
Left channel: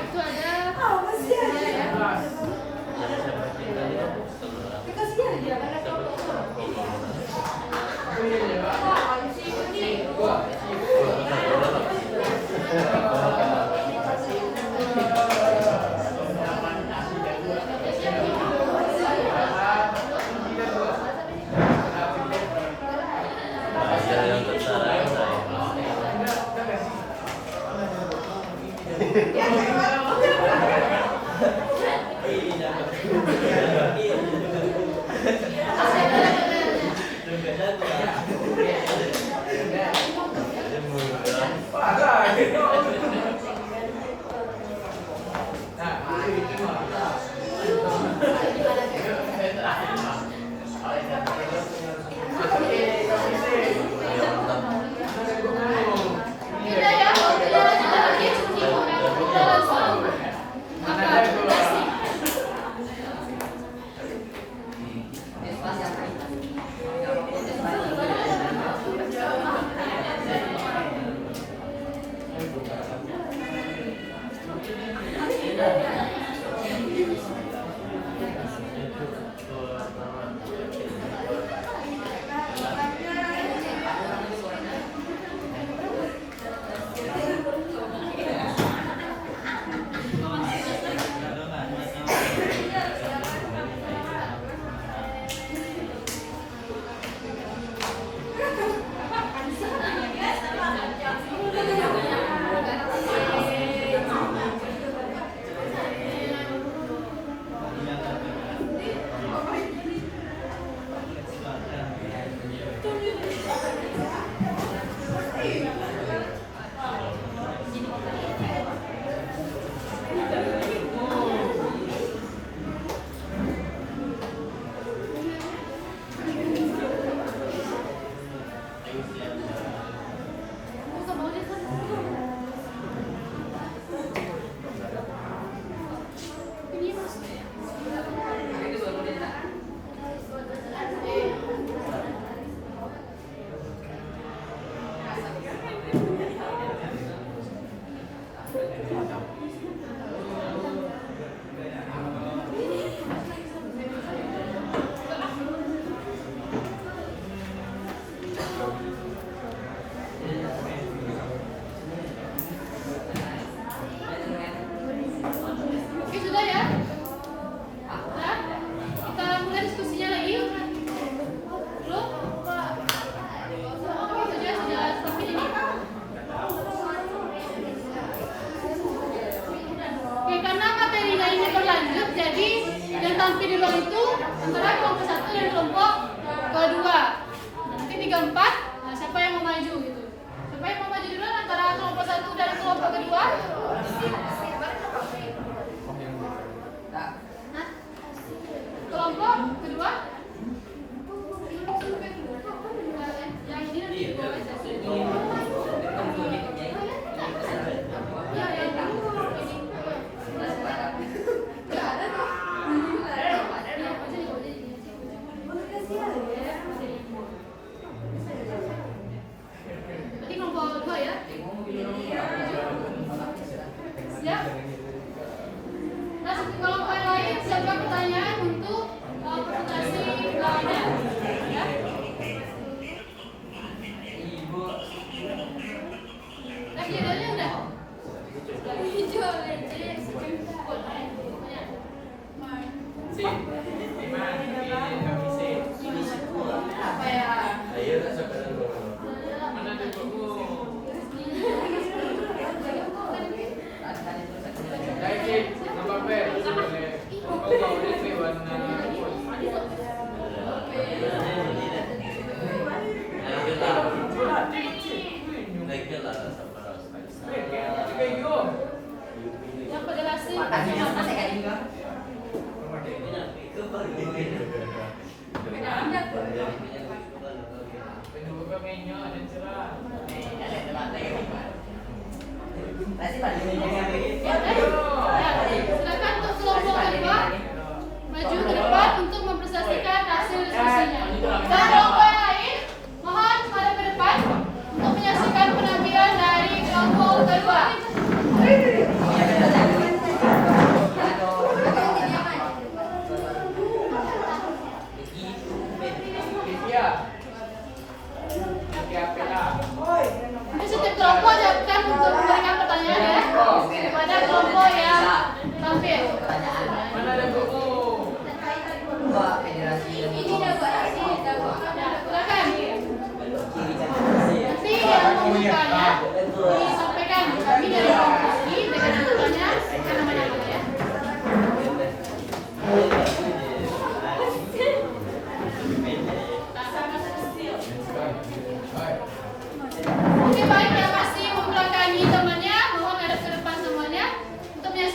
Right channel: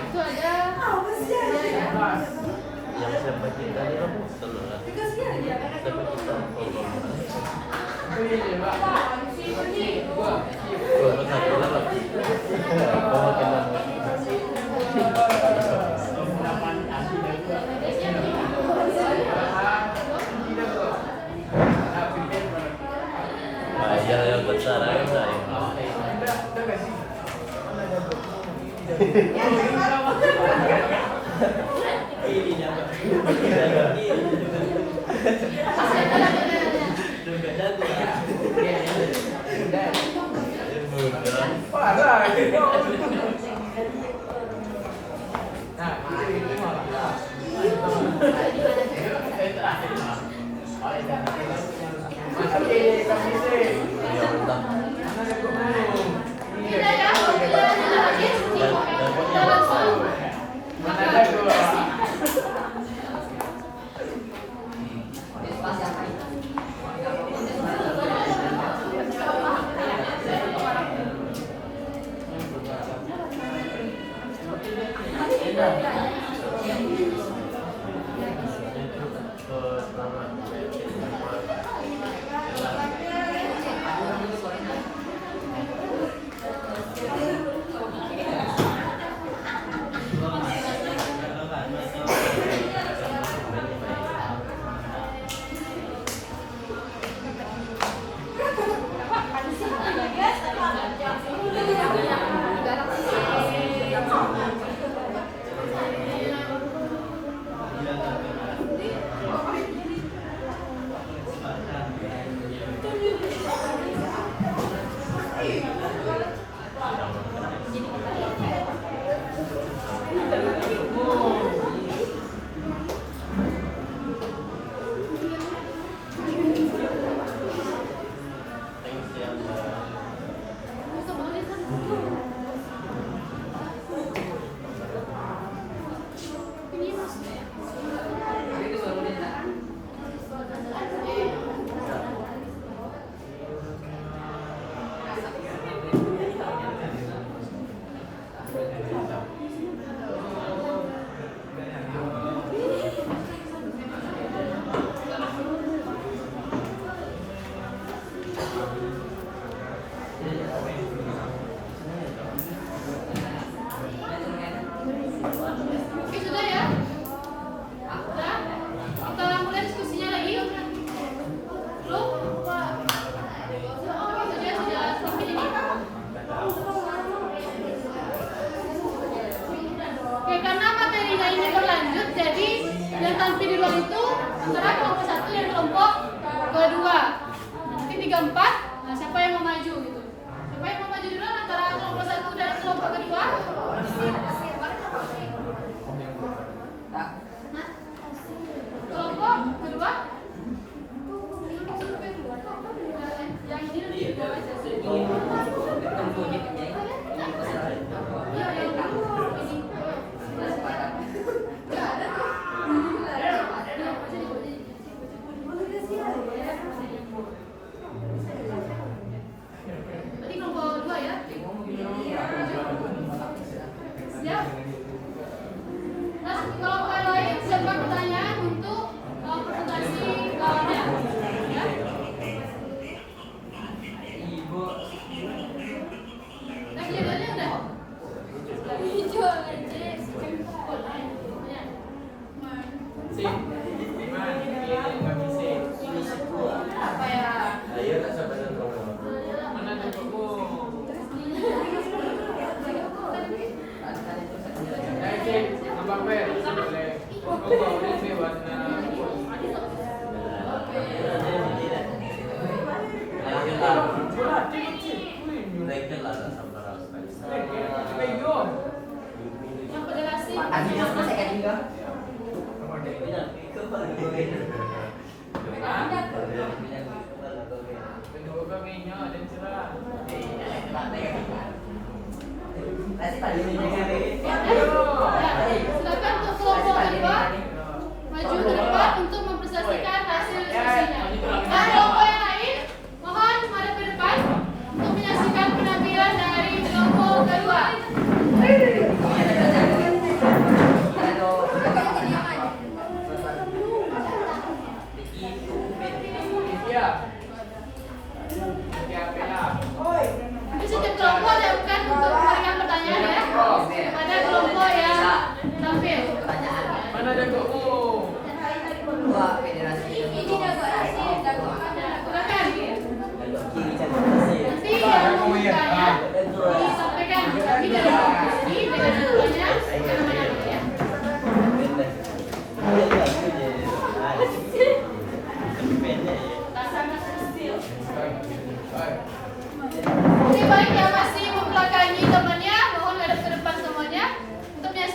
Itu ada Tidak ya, kalau tidak ada lagi, kita langsung kasih. Oke, sudah ya? Sudah? Kita mulai diskusinya lagi yuk. Belum? Sudah sampai ini. Oke, karena materinya ini berlanjut, jadi yang tampil di luar itu antara kelompok 1 dan kelompok kedua. Nanti 3, 4, nah siapa yang mau maju gitu? Siapa yang mau maju duluan antara kelompok 1 dan kelompok kedua? Kelompok kedua? Yang ini nanti di bawah aja. Iya, yang ini. Nggak ada tuh. Berarti kelompok 2 ya? Siap? Terus kelompok yang lain siapa pertanyaan untuk presentasi lawannya? Ya? Lagi judulnya udah? Hijau aja. Apa ya? Yang federasi. Silakan untuk kelompok kedua maju ke depan untuk mempresentasikan hasil diskusinya. Dan kelompok yang lain mohon menghadap ke depan untuk menyaksikan penampilan dari kelompok kedua.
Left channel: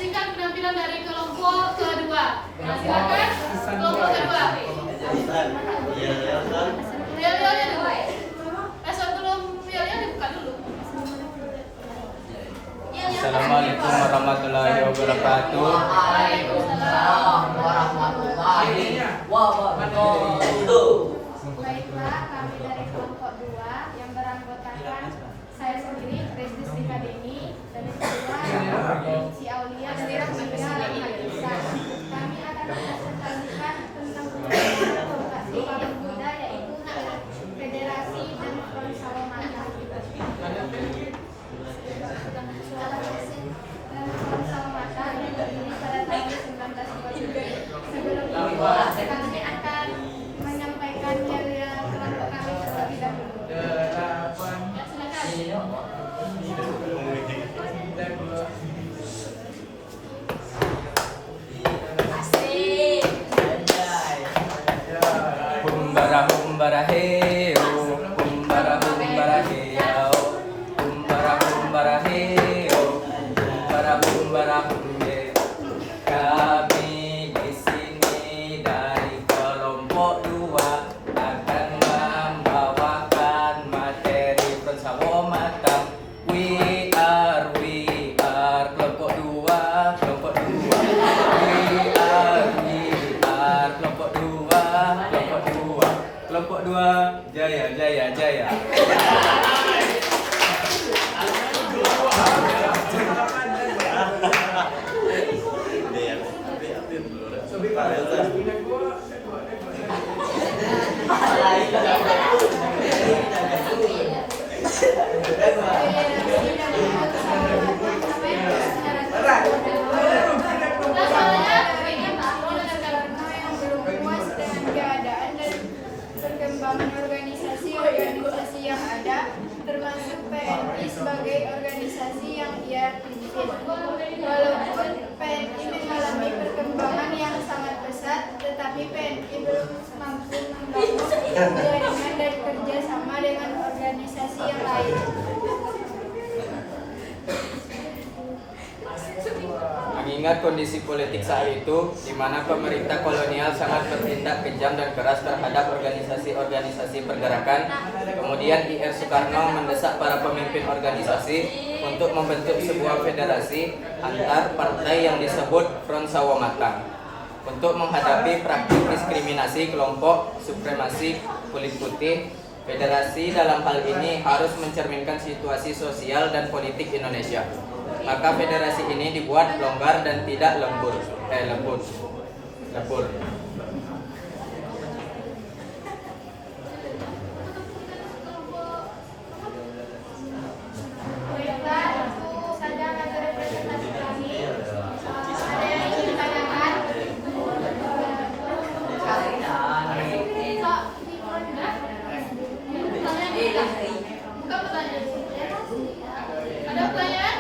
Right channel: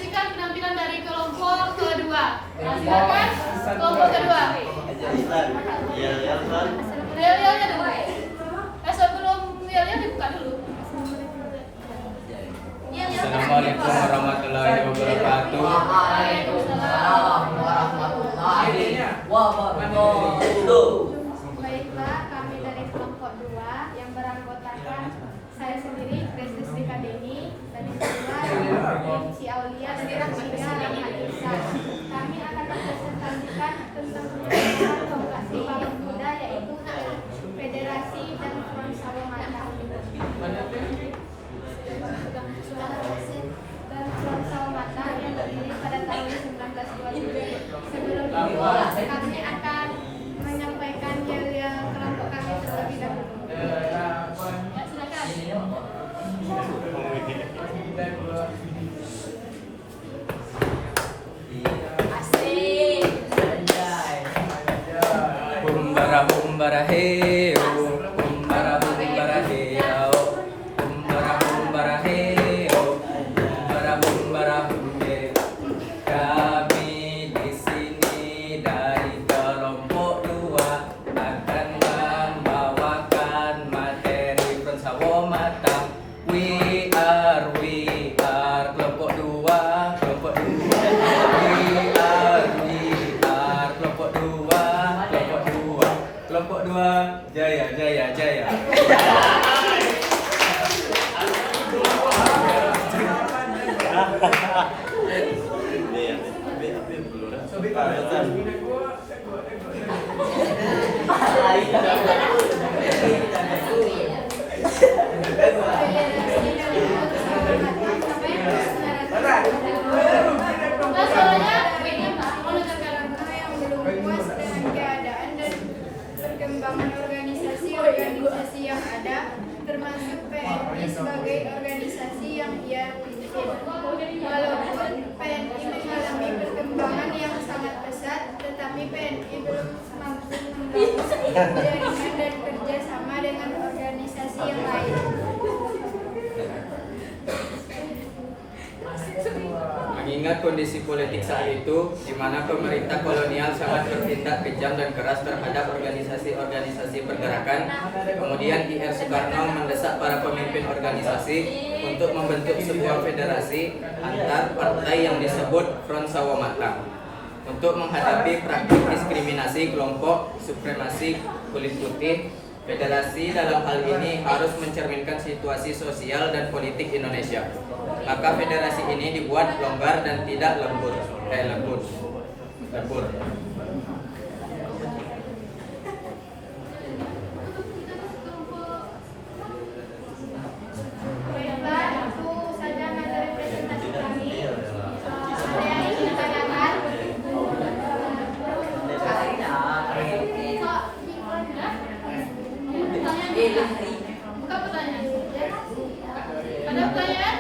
menyaksikan penampilan dari kelompok kedua. Nah, silakan kelompok kedua. Yel-yelnya dulu. Sebelum yel-yel dibuka dulu. Assalamualaikum warahmatullahi wabarakatuh. Waalaikumsalam. Baiklah, kami dari kelompok 2 yang beranggotakan saya sendiri, Grace Rizlika Deni, dan yang kedua Ci Aulia dan yang ketiga Rahmat Ihsan. Kami akan mempresentasikan tentang perkembangan kelompok Sumpah Pemuda, yaitu Federasi dan Front Sawamata. Dan Front Sawamata yang berdiri pada tahun 1927. Sebelum itu, kami akan menyampaikan yang kelompok kami terlebih dahulu. Humbara heo, humbara heo, humbara heo, humbara humbe. Kami di sini dari kelompok 2 akan membawakan materi Front Sawamata. We are kelompok 2, kelompok 2. We are kelompok 2, kelompok 2. Kelompok 2, jaya, jaya, jaya. Perkembangan organisasi yang ada, termasuk PNI sebagai organisasi yang ia pimpin. Walaupun PNI mengalami perkembangan yang sangat pesat, tetapi PNI belum mampu membangun jaringan dan kerjasama dengan organisasi yang lain. Mengingat kondisi politik saat itu, di mana pemerintah kolonial sangat bertindak kejam dan keras terhadap organisasi-organisasi pergerakan, kemudian I.R. Soekarno mendesak para pemimpin organisasi untuk membentuk sebuah federasi antar partai yang disebut Front Sawamata untuk menghadapi praktik diskriminasi kelompok supremasi kulit putih. Federasi dalam hal ini harus mencerminkan situasi sosial dan politik Indonesia. Maka federasi ini dibuat longgar dan tidak lembur. Baiklah, itu saja materi presentasi kami. Ada yang ingin ditanyakan? Buka pertanyaan. Ada pertanyaan?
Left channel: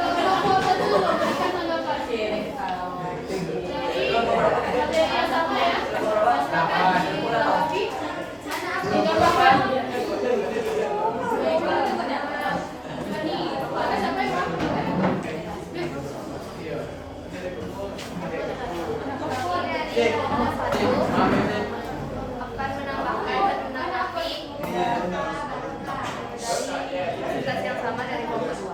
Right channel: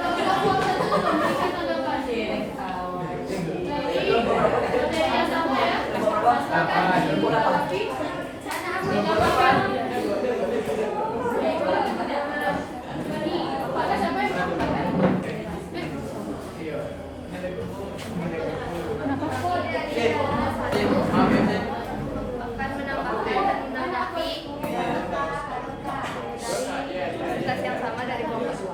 Kelompok 1 memberikan tanggapan. Jadi, materi yang sama ya. Silakan dilengkapi. Tanggapan. Ada siapa yang mau? Akan menambahkan dan menanggapi dari presentasi yang sama dari kelompok 2.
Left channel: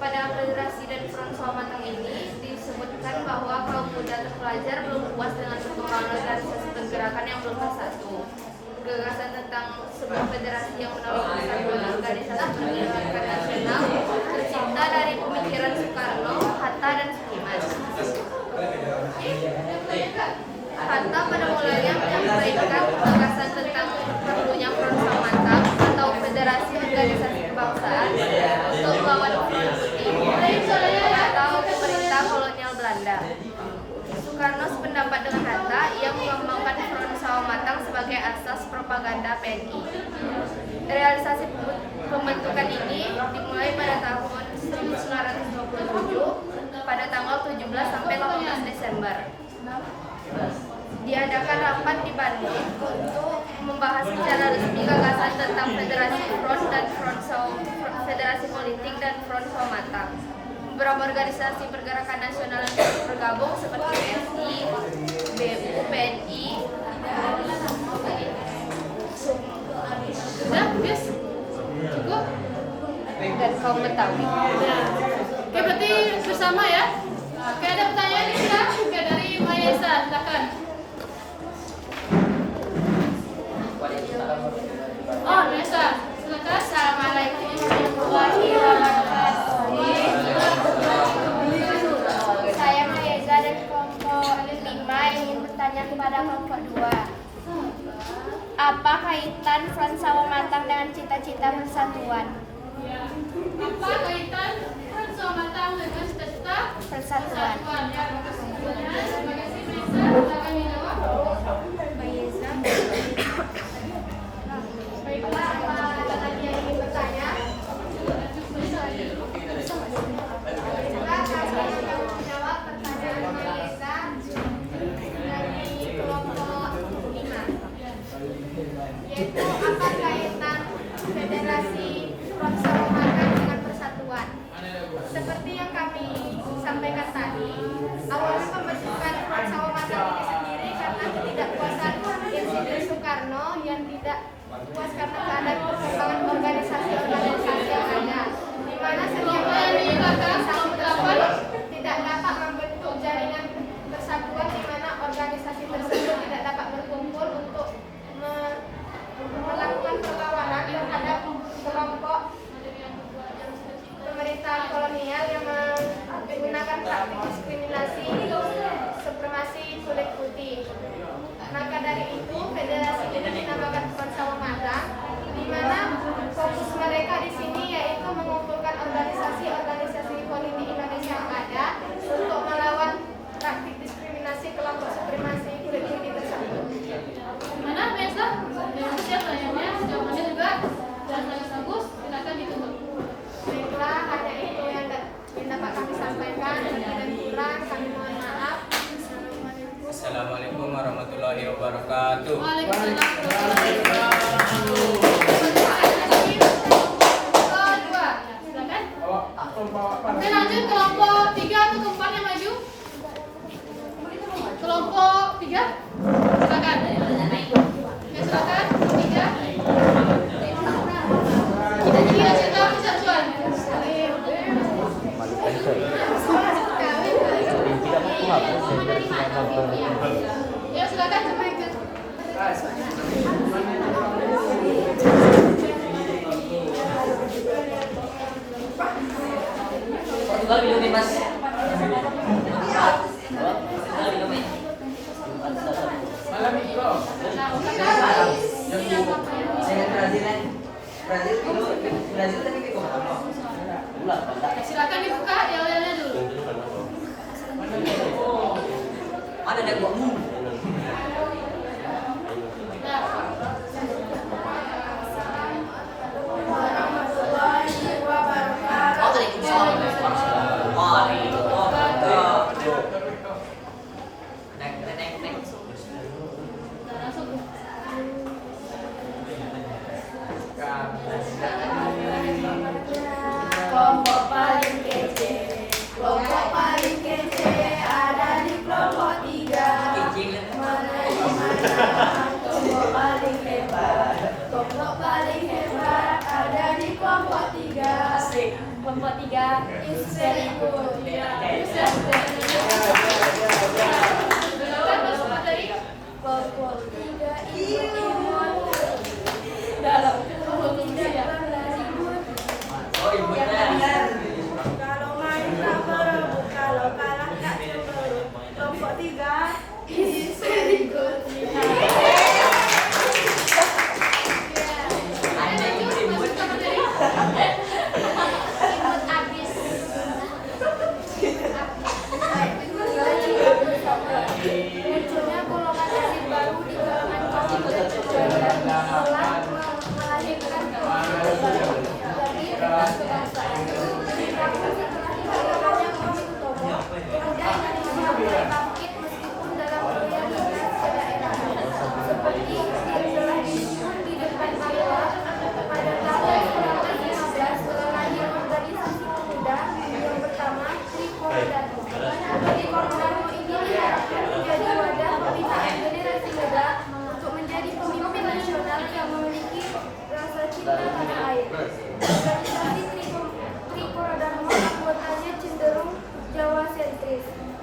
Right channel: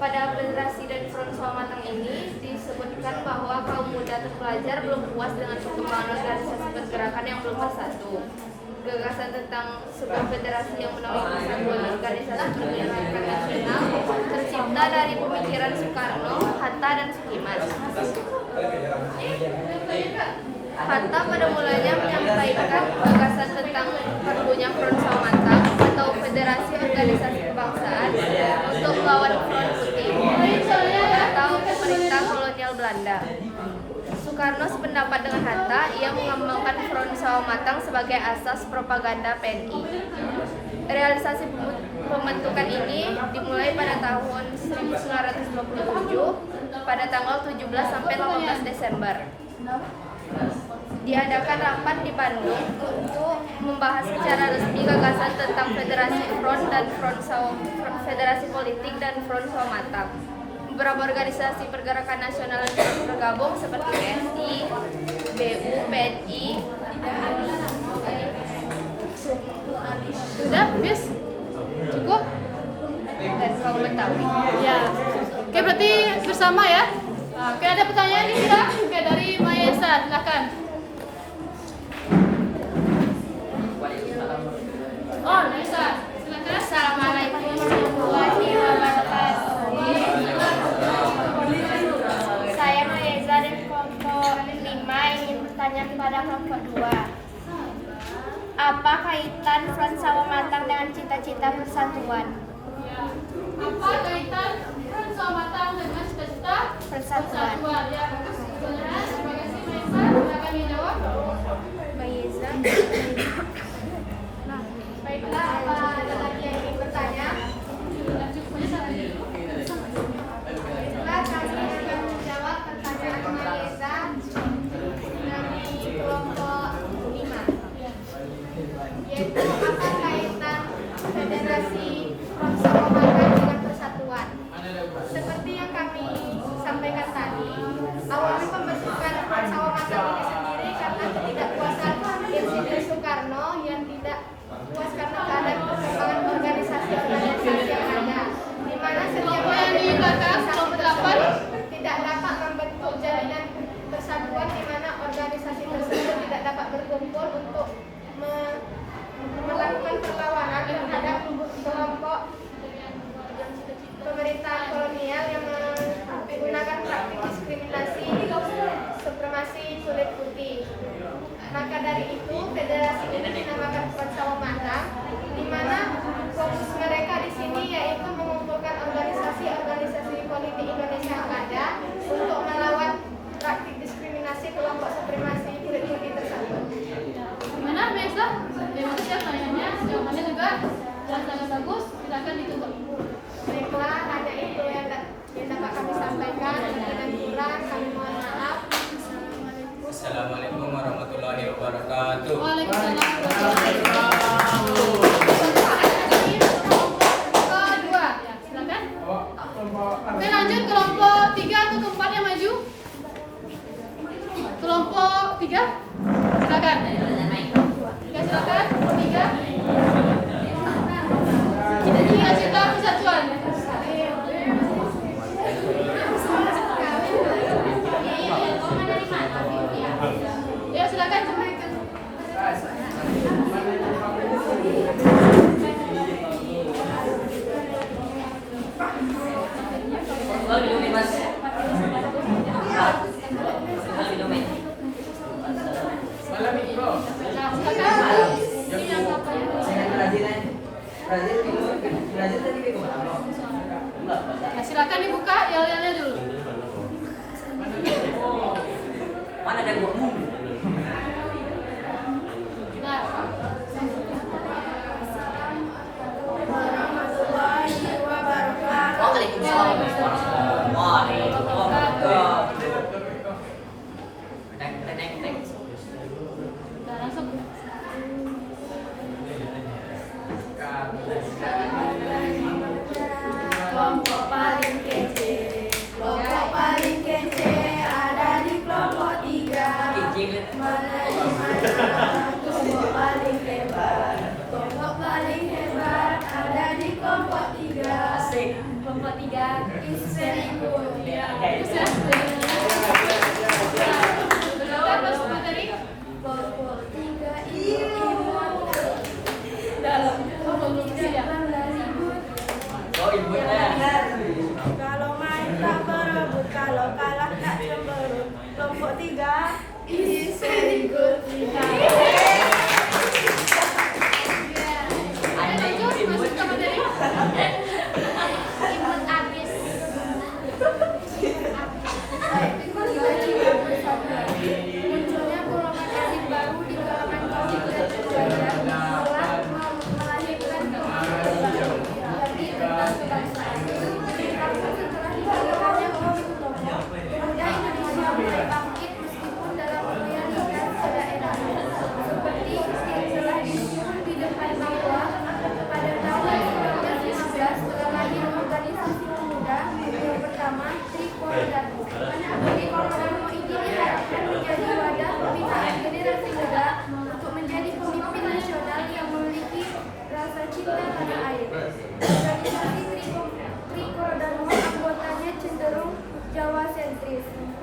Pada Federasi dan Front Sawamata ini disebutkan bahwa kaum muda terpelajar belum puas dengan perkembangan organisasi pergerakan yang belum bersatu. Gagasan tentang sebuah federasi yang menaungi persatuan organisasi pergerakan nasional tercipta dari pemikiran Soekarno, Hatta, dan Sukiman. Hatta pada mulanya menyampaikan gagasan tentang perlunya Front Sawamata atau Federasi Organisasi Kebangsaan untuk melawan Front Putih atau pemerintah kolonial Belanda. Soekarno sependapat dengan Hatta, ia mengembangkan Front Sawamata sebagai asas propaganda PNI. Realisasi pembentukan ini dimulai pada tahun 1927 pada tanggal 17 sampai 18 Desember. Diadakan rapat di Bandung untuk membahas secara resmi gagasan tentang Federasi Front dan Federasi Politik dan Front Sawamata. beberapa organisasi pergerakan nasional yang terus bergabung seperti PSI, BU, PNI. Sudah, yes. Cukup? Dan kaum Betawi. Ya. Oke, berarti bersama ya. Oke, ada pertanyaan ini sudah? Oke, dari Mayesa, silakan. Oh, Mayesa, silakan. Assalamualaikum warahmatullahi wabarakatuh. Saya Mayeza dari kelompok 5 ingin bertanya kepada kelompok 2. Apa kaitan Front Sawah Matang dengan cita-cita persatuan? Ya. Apa kaitan sama matang dengan cita-cita Persatuan. Ya, terima kasih Mayesa. Silakan dijawab. Mayeza. Baiklah, ada lagi yang ingin bertanya? Baiklah, kami akan menjawab pertanyaan Mayeza dari kelompok 5, yaitu apa kaitan Federasi Front Sawah Matang dengan persatuan. Seperti yang kami sampaikan tadi, awalnya pembentukan Front Sawah Matang ini sendiri karena ketidakpuasan Insinyur Soekarno yang tidak puas karena keadaan perkembangan organisasi-organisasi yang ada, di mana setiap organisasi tersebut tidak dapat membentuk jalinan persatuan, di mana organisasi tersebut tidak dapat berkumpul untuk melakukan perlawanan terhadap kelompok pemerintahan kolonial yang menggunakan praktik diskriminasi supremasi kulit putih. Maka dari itu, federasi ini dinamakan Front Sawah Matang, di mana fokus mereka di sini yaitu mengumpulkan organisasi-organisasi politik Indonesia yang ada untuk melawan praktik diskriminasi kelompok supremasi kulit putih tersebut. Gimana Mayesa? Terima kasih pertanyaannya. Jawabannya juga sangat bagus. Silakan ditutup. Baiklah, hanya itu yang dapat kami sampaikan. Lebih dan kurang kami mohon maaf. Assalamualaikum. Assalamualaikum warahmatullahi wabarakatuh. Waalaikumsalam. Ada dua. Silakan. Oke, lanjut kelompok 3 atau keempat yang maju. Kelompok 3. Silakan. Ya, silakan. 3. Cita-cita persatuan. Ya, silakan sebutkan. Silakan dibuka yel-yelnya dulu. Mana ada buahmu? Ya. Warahmatullahi wabarakatuh. Waalaikumsalam warahmatullahi wabarakatuh. Neng. Langsung. Kelompok paling kece ada di kelompok 3. Kelompok paling hebat ada di kelompok 3. Asik. Kelompok 3 is very good. Kelompok 3 imut dalam pemikiran ribut. Oh, ibunya. Kalau main tak berebut, kalau kalah tak cemberut. Kelompok 3 is very good. Anda imut. Imut abis.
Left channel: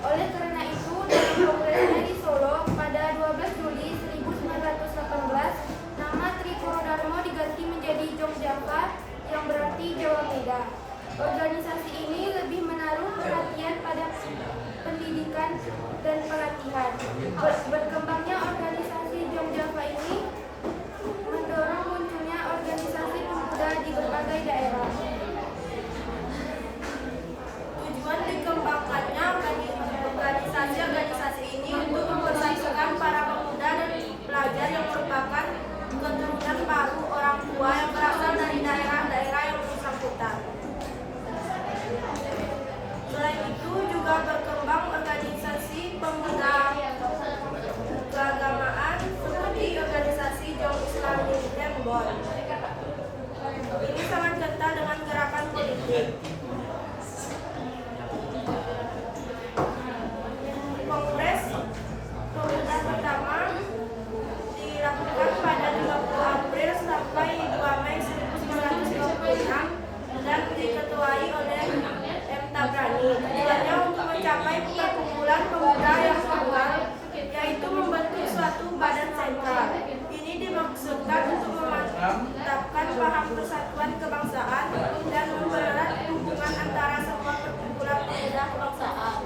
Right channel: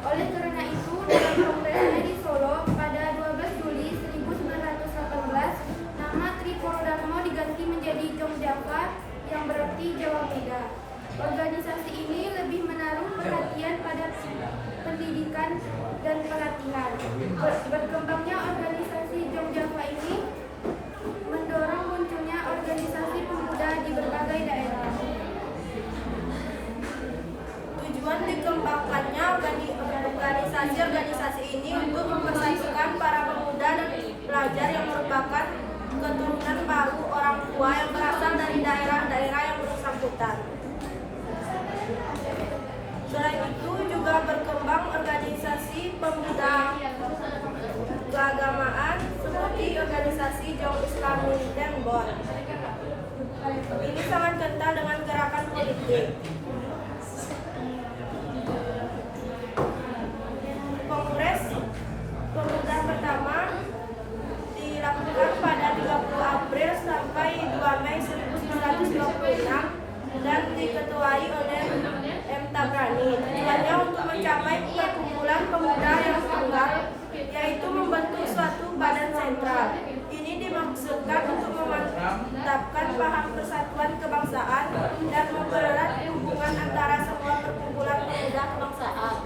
Oleh karena itu, dalam kongresnya di Solo pada 12 Juli 1918, nama Tripuro Darmo diganti menjadi Jogjawa yang berarti Jawa Muda. Organisasi ini lebih menaruh perhatian pada pendidikan dan pelatihan. Berkembangnya organisasi Jogjawa ini mendorong munculnya organisasi pemuda di berbagai daerah. Tujuan dikembangkannya organisasi ini untuk mempersatukan para pemuda dan pelajar yang merupakan keturunan baru orang tua yang berasal dari daerah-daerah yang bersangkutan. Selain itu juga berkembang organisasi pemuda keagamaan seperti organisasi Jong Islami Tembon. Ini sangat kental dengan gerakan politik. Kongres Pemuda pertama dilakukan pada 30 April sampai 2 Mei 1926 dan diketuai oleh M. Tabrani. Tujuannya untuk mencapai perkumpulan pemuda yang tunggal, yaitu membentuk suatu badan sentral. Ini dimaksudkan untuk memantapkan paham persatuan kebangsaan dan mempererat hubungan antara semua perkumpulan pemuda kebangsaan.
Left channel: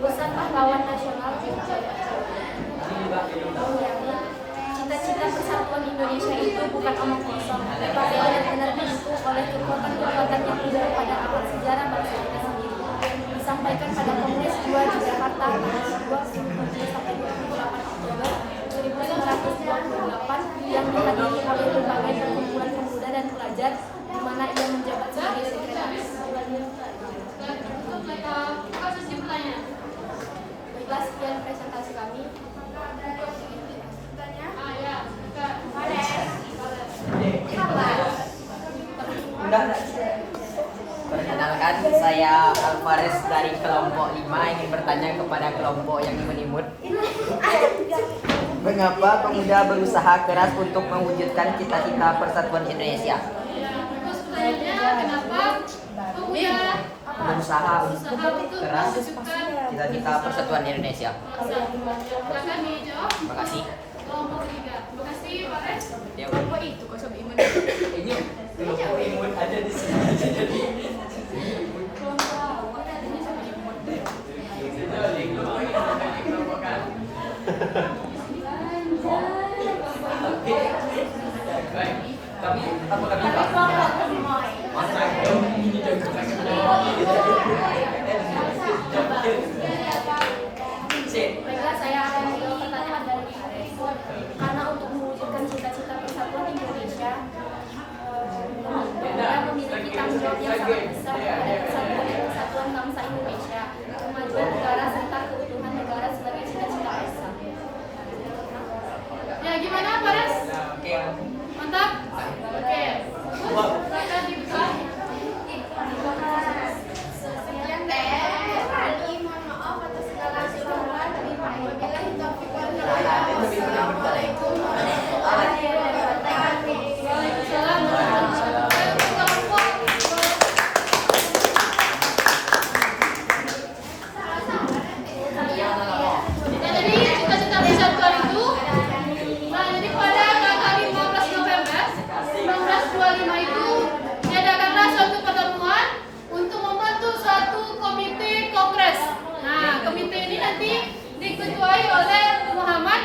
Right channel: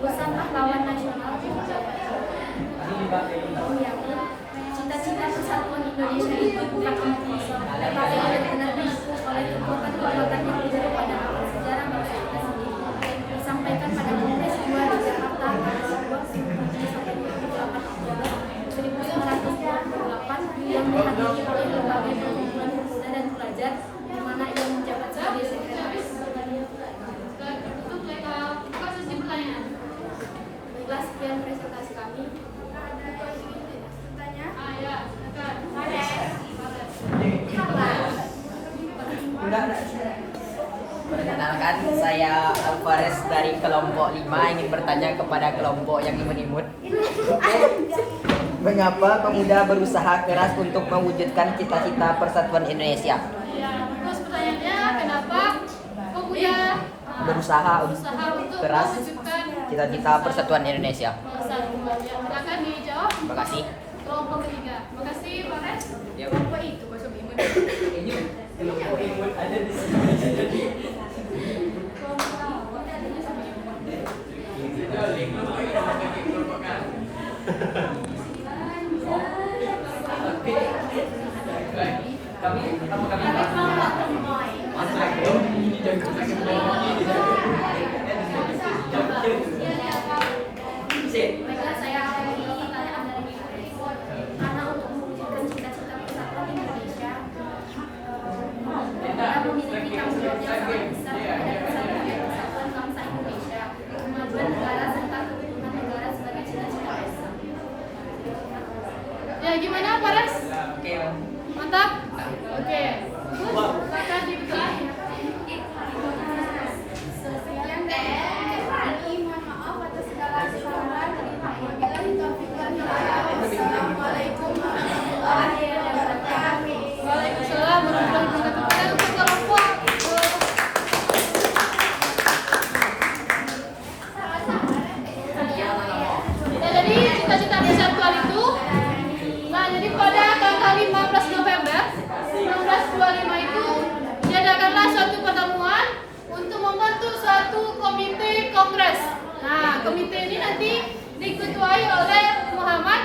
Pesan pahlawan nasional cita-cita persatuan Indonesia itu bukan omong kosong, tetapi benar-benar didukung oleh kekuatan-kekuatan yang ada pada awal sejarah bangsa kita sendiri. Disampaikan pada Kongres 2 di Jakarta pada 28 Oktober 1998 yang dihadiri oleh berbagai perkumpulan pemuda dan pelajar, di mana ia menjabat sebagai sekretaris. Baiklah, sekian presentasi kami. Perkenalkan, saya Alvarez dari kelompok 5 ingin bertanya kepada kelompok yang imut-imut. Mengapa pemuda berusaha keras untuk mewujudkan cita-cita persatuan Indonesia? Terus pertanyaannya, kenapa pemuda Berusaha untuk keras mewujudkan cita-cita persatuan Indonesia. akan dijawab Terima kasih. kelompok 3. Terima kasih, Pak Res. Yuk. Kelompok itu, kok sampai imun. ada di sini. Baiklah, saya akan menjawab pertanyaan dari Pak Res. Karena untuk mewujudkan cita-cita persatuan Indonesia, pemuda memiliki tanggung jawab yang sangat besar pada persatuan bangsa Indonesia, kemajuan negara serta keutuhan negara sebagai cita-cita besar. Ya, gimana Pak Res? Oke. Mantap? Oke. Silakan dibuka. Sekian dari kami, mohon maaf atas segala kesalahan. Wabillahi taufiq wal hidayah. Wassalamualaikum warahmatullahi wabarakatuh. Waalaikumsalam warahmatullahi wabarakatuh. Nah, jadi cita-cita persatuan itu, nah jadi pada tanggal 15 November 1925 itu diadakanlah suatu pertemuan untuk membentuk suatu komite kongres. Nah, komite ini nanti diketuai oleh Muhammad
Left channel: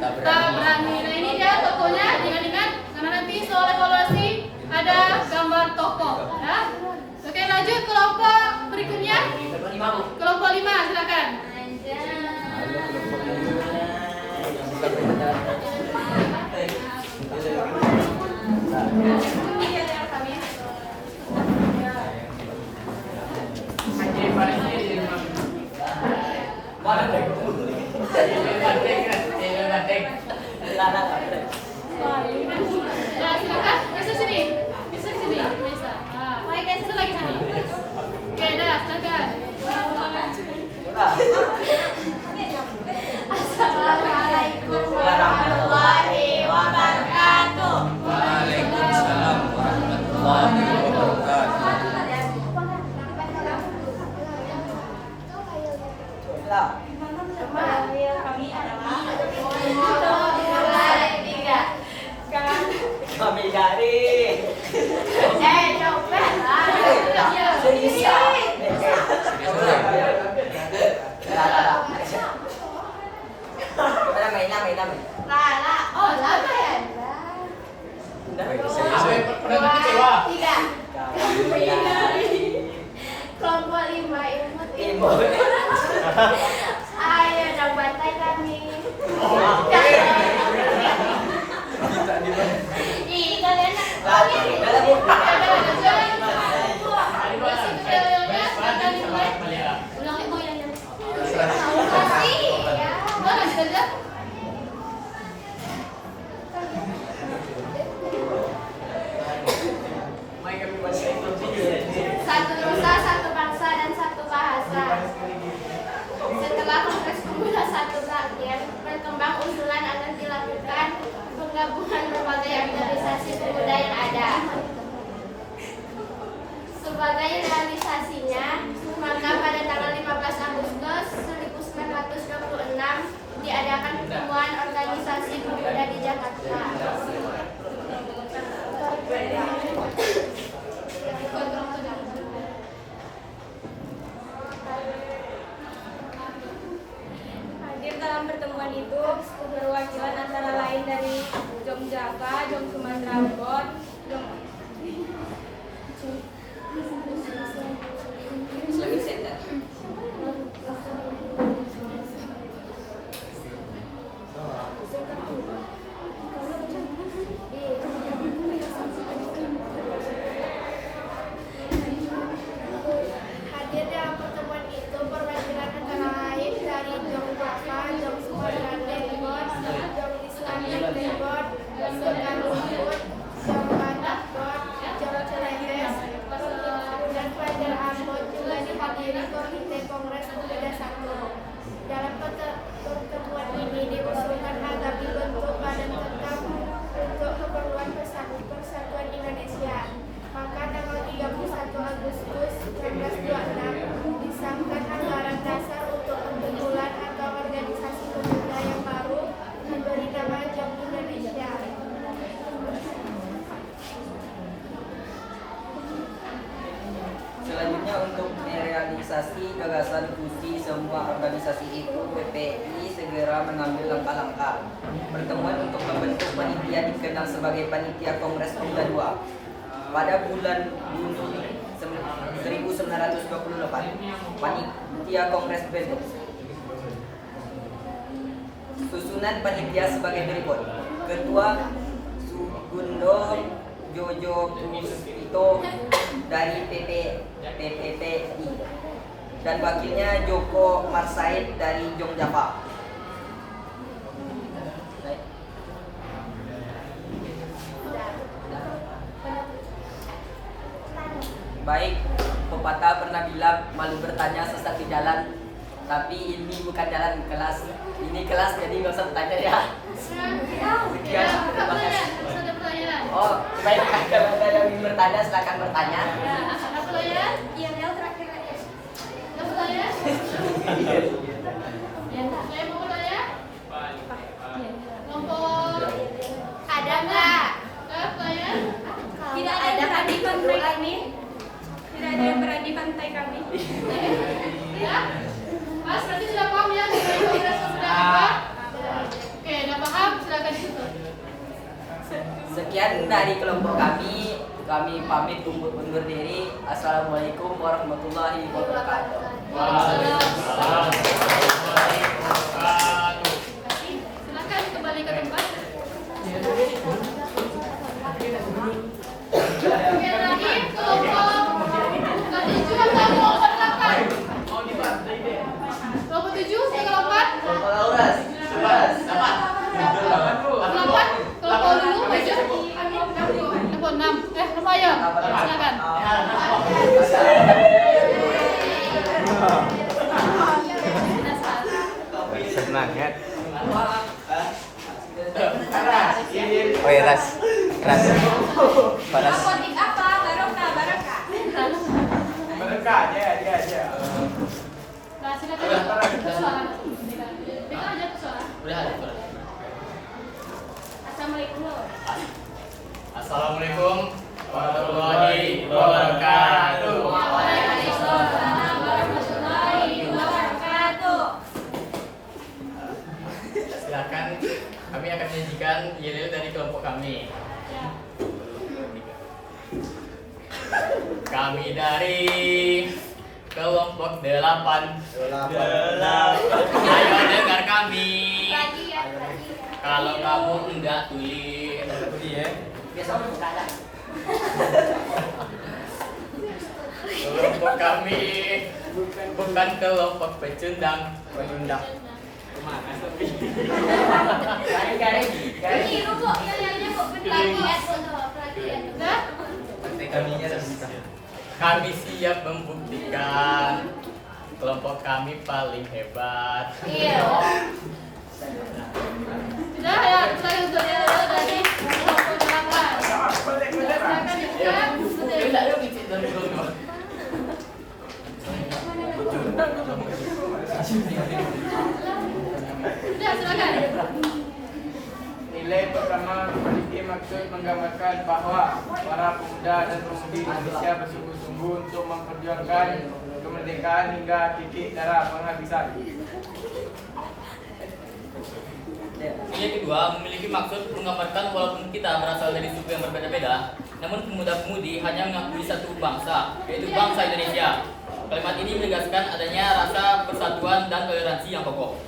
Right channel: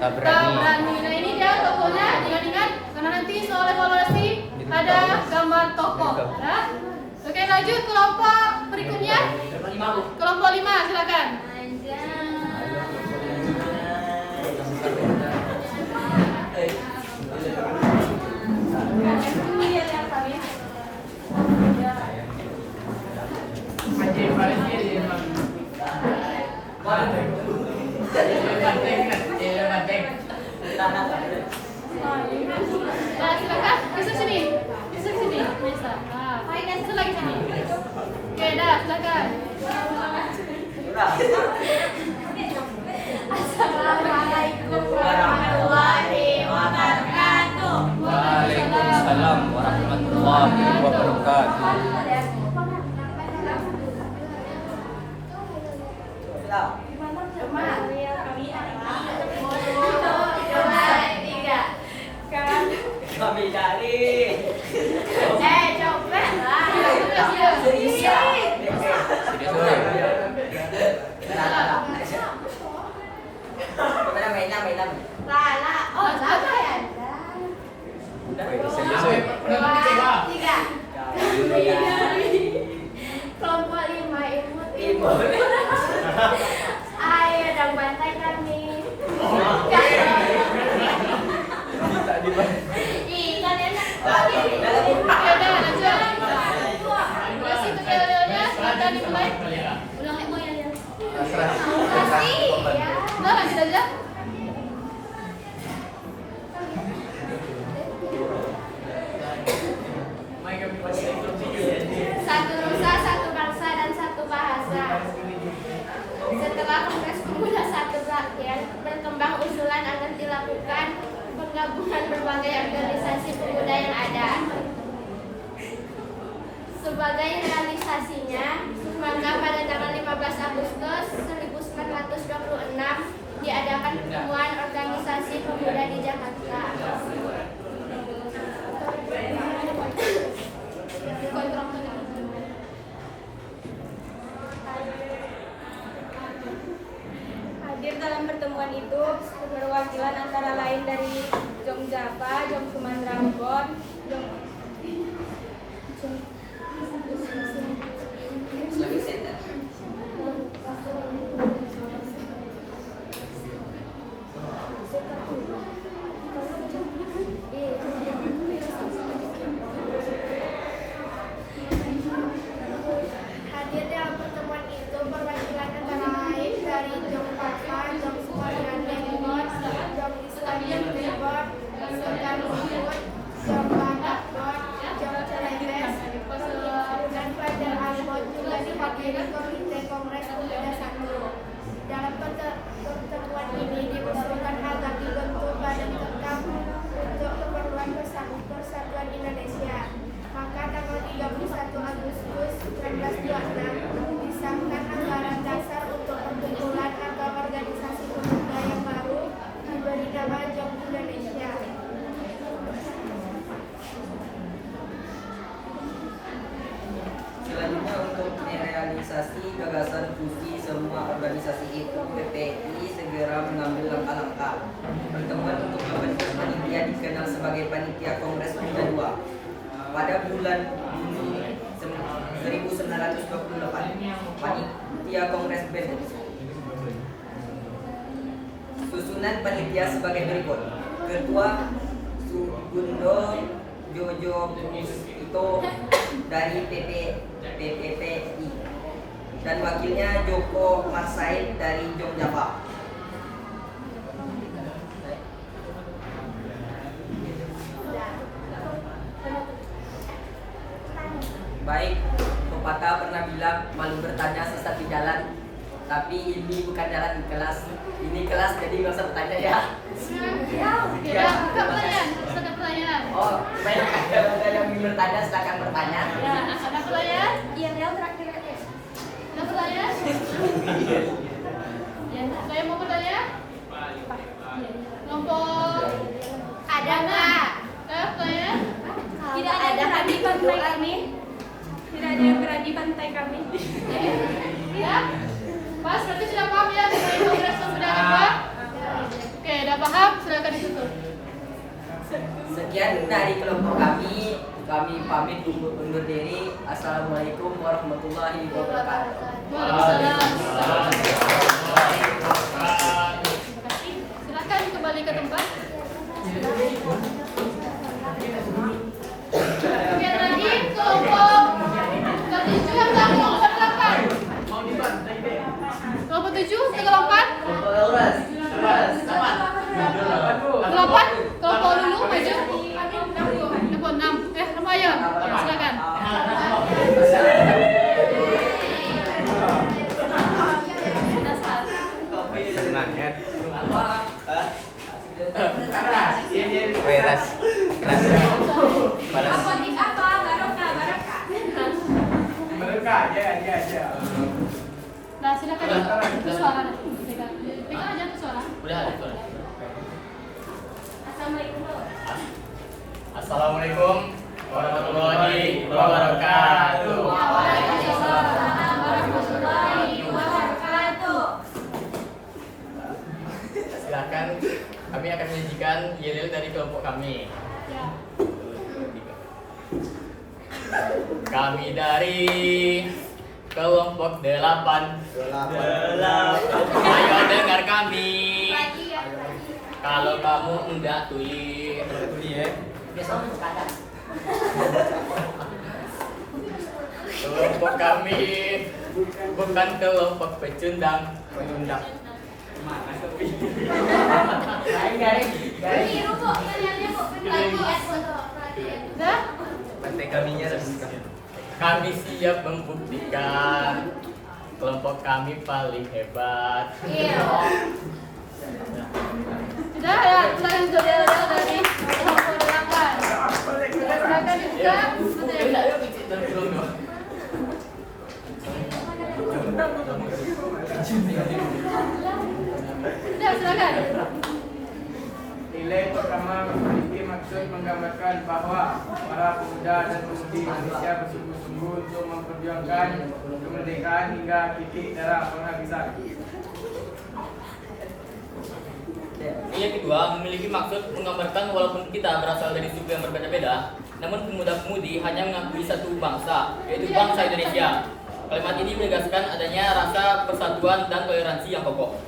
Tabrani. Nah, ini dia tokohnya, ingat-ingat karena nanti soal evaluasi ada gambar tokoh. Ya. Oke, lanjut kelompok berikutnya. Kelompok 5, silakan. Nah, silakan. Bisa sini. Bisa sini. Bisa. Nah, bisa lagi sini. Oke, dah, silakan. Assalamualaikum warahmatullahi wabarakatuh. 2, 3. Kelompok 5 imut. Ayo dong bantai kami. Ih, kalian satu nusa, satu bangsa, dan satu bahasa. Setelah Kongres Pemuda satu berakhir, berkembang usulan agar dilakukan penggabungan berbagai organisasi pemuda yang ada. Sebagai realisasinya, maka pada tanggal 15 Agustus 1926 diadakan pertemuan organisasi pemuda di Jakarta. Hadir dalam pertemuan itu perwakilan antara lain dari Jom Java, Jom Sumatera Ambon, Jom Hadir dalam pertemuan itu perwakilan antara lain dari Jom Java, Jom Sumatera Ambon, Jom Islamic Reboard, Sukan Lumpur, Jom Batak Board, Jom Celebes, dan pelajar Ambon juga dihadiri Komite Kongres Pemuda 1. Dalam pertemuan ini diusulkan agar dibentuk badan tetap untuk keperluan Persatuan Indonesia. Maka tanggal 31 Agustus 1926 disahkan anggaran dasar untuk perkumpulan atau organisasi pemuda yang baru diberi nama Jom Indonesia. Selanjutnya untuk merealisasi gagasan fusi semua organisasi itu, PPI segera mengambil langkah-langkah. Pertemuan untuk membentuk panitia dikenal sebagai Panitia Kongres Pemuda II. Pada bulan Juni 1928, Panitia Kongres bentuk. Susunan panitia sebagai berikut: Ketua Sugundo Jojo Purito dari PPPI dan wakilnya Joko Marsaid dari Jom Java. Baik, pepatah pernah bilang malu bertanya sesat di jalan, tapi ini bukan jalan kelas. Ini kelas, jadi nggak usah bertanya ya. Ya, terima kasih. Oh, baik, kalau ada yang ingin bertanya silakan bertanya. Iya, Nel terakhir aja. Saya mau bertanya. Kelompok Ada nggak? saya. Tidak ada yang berani bantai kami. Tidak ada yang berani bantai kami. Ya. Pas berarti sudah paham ya dengan Kongres Pemuda apa? Oke, udah paham? Silakan ditutup. Sekian dari kelompok kami pamit undur diri. Assalamualaikum warahmatullahi wabarakatuh. Silakan kembali ke tempat. Oke, lagi kelompok ketujuh yang tadi mau sertakan. Kelompok 7, kelompok 4. Kelompok dulu maju. Kelompok 6. Kelompok ayo. Silakan. Nah, silakan. Suara. Pegang aja suara. Udah ada suara. Assalamualaikum. Assalamualaikum warahmatullahi wabarakatuh. Waalaikumsalam warahmatullahi wabarakatuh. Silakan, kami akan menyajikan yel-yel dari kelompok kami. Ya. Kami dari kelompok 8. Ayo dengar kami. Kalau kamu enggak tuli ya. Kelompok kami bukan kelompok pecundang. Kami siap membuktikan kelompok kami paling hebat. Sudah ya, silakan saudara dari kelompok 8. Silakan disebutkan. Sudah, silakan. Nilai pertama memiliki maksud menggambarkan bahwa para pemuda dan pemudi Indonesia bersungguh-sungguh untuk memperjuangkan kemerdekaan hingga titik darah penghabisan. Yang kedua, memiliki maksud menggambarkan walaupun kita berasal dari suku yang berbeda-beda, namun pemuda-pemudi hanya mengakui satu bangsa, yaitu bangsa Indonesia. Kalimat ini menegaskan adanya rasa persatuan dan toleransi yang kokoh.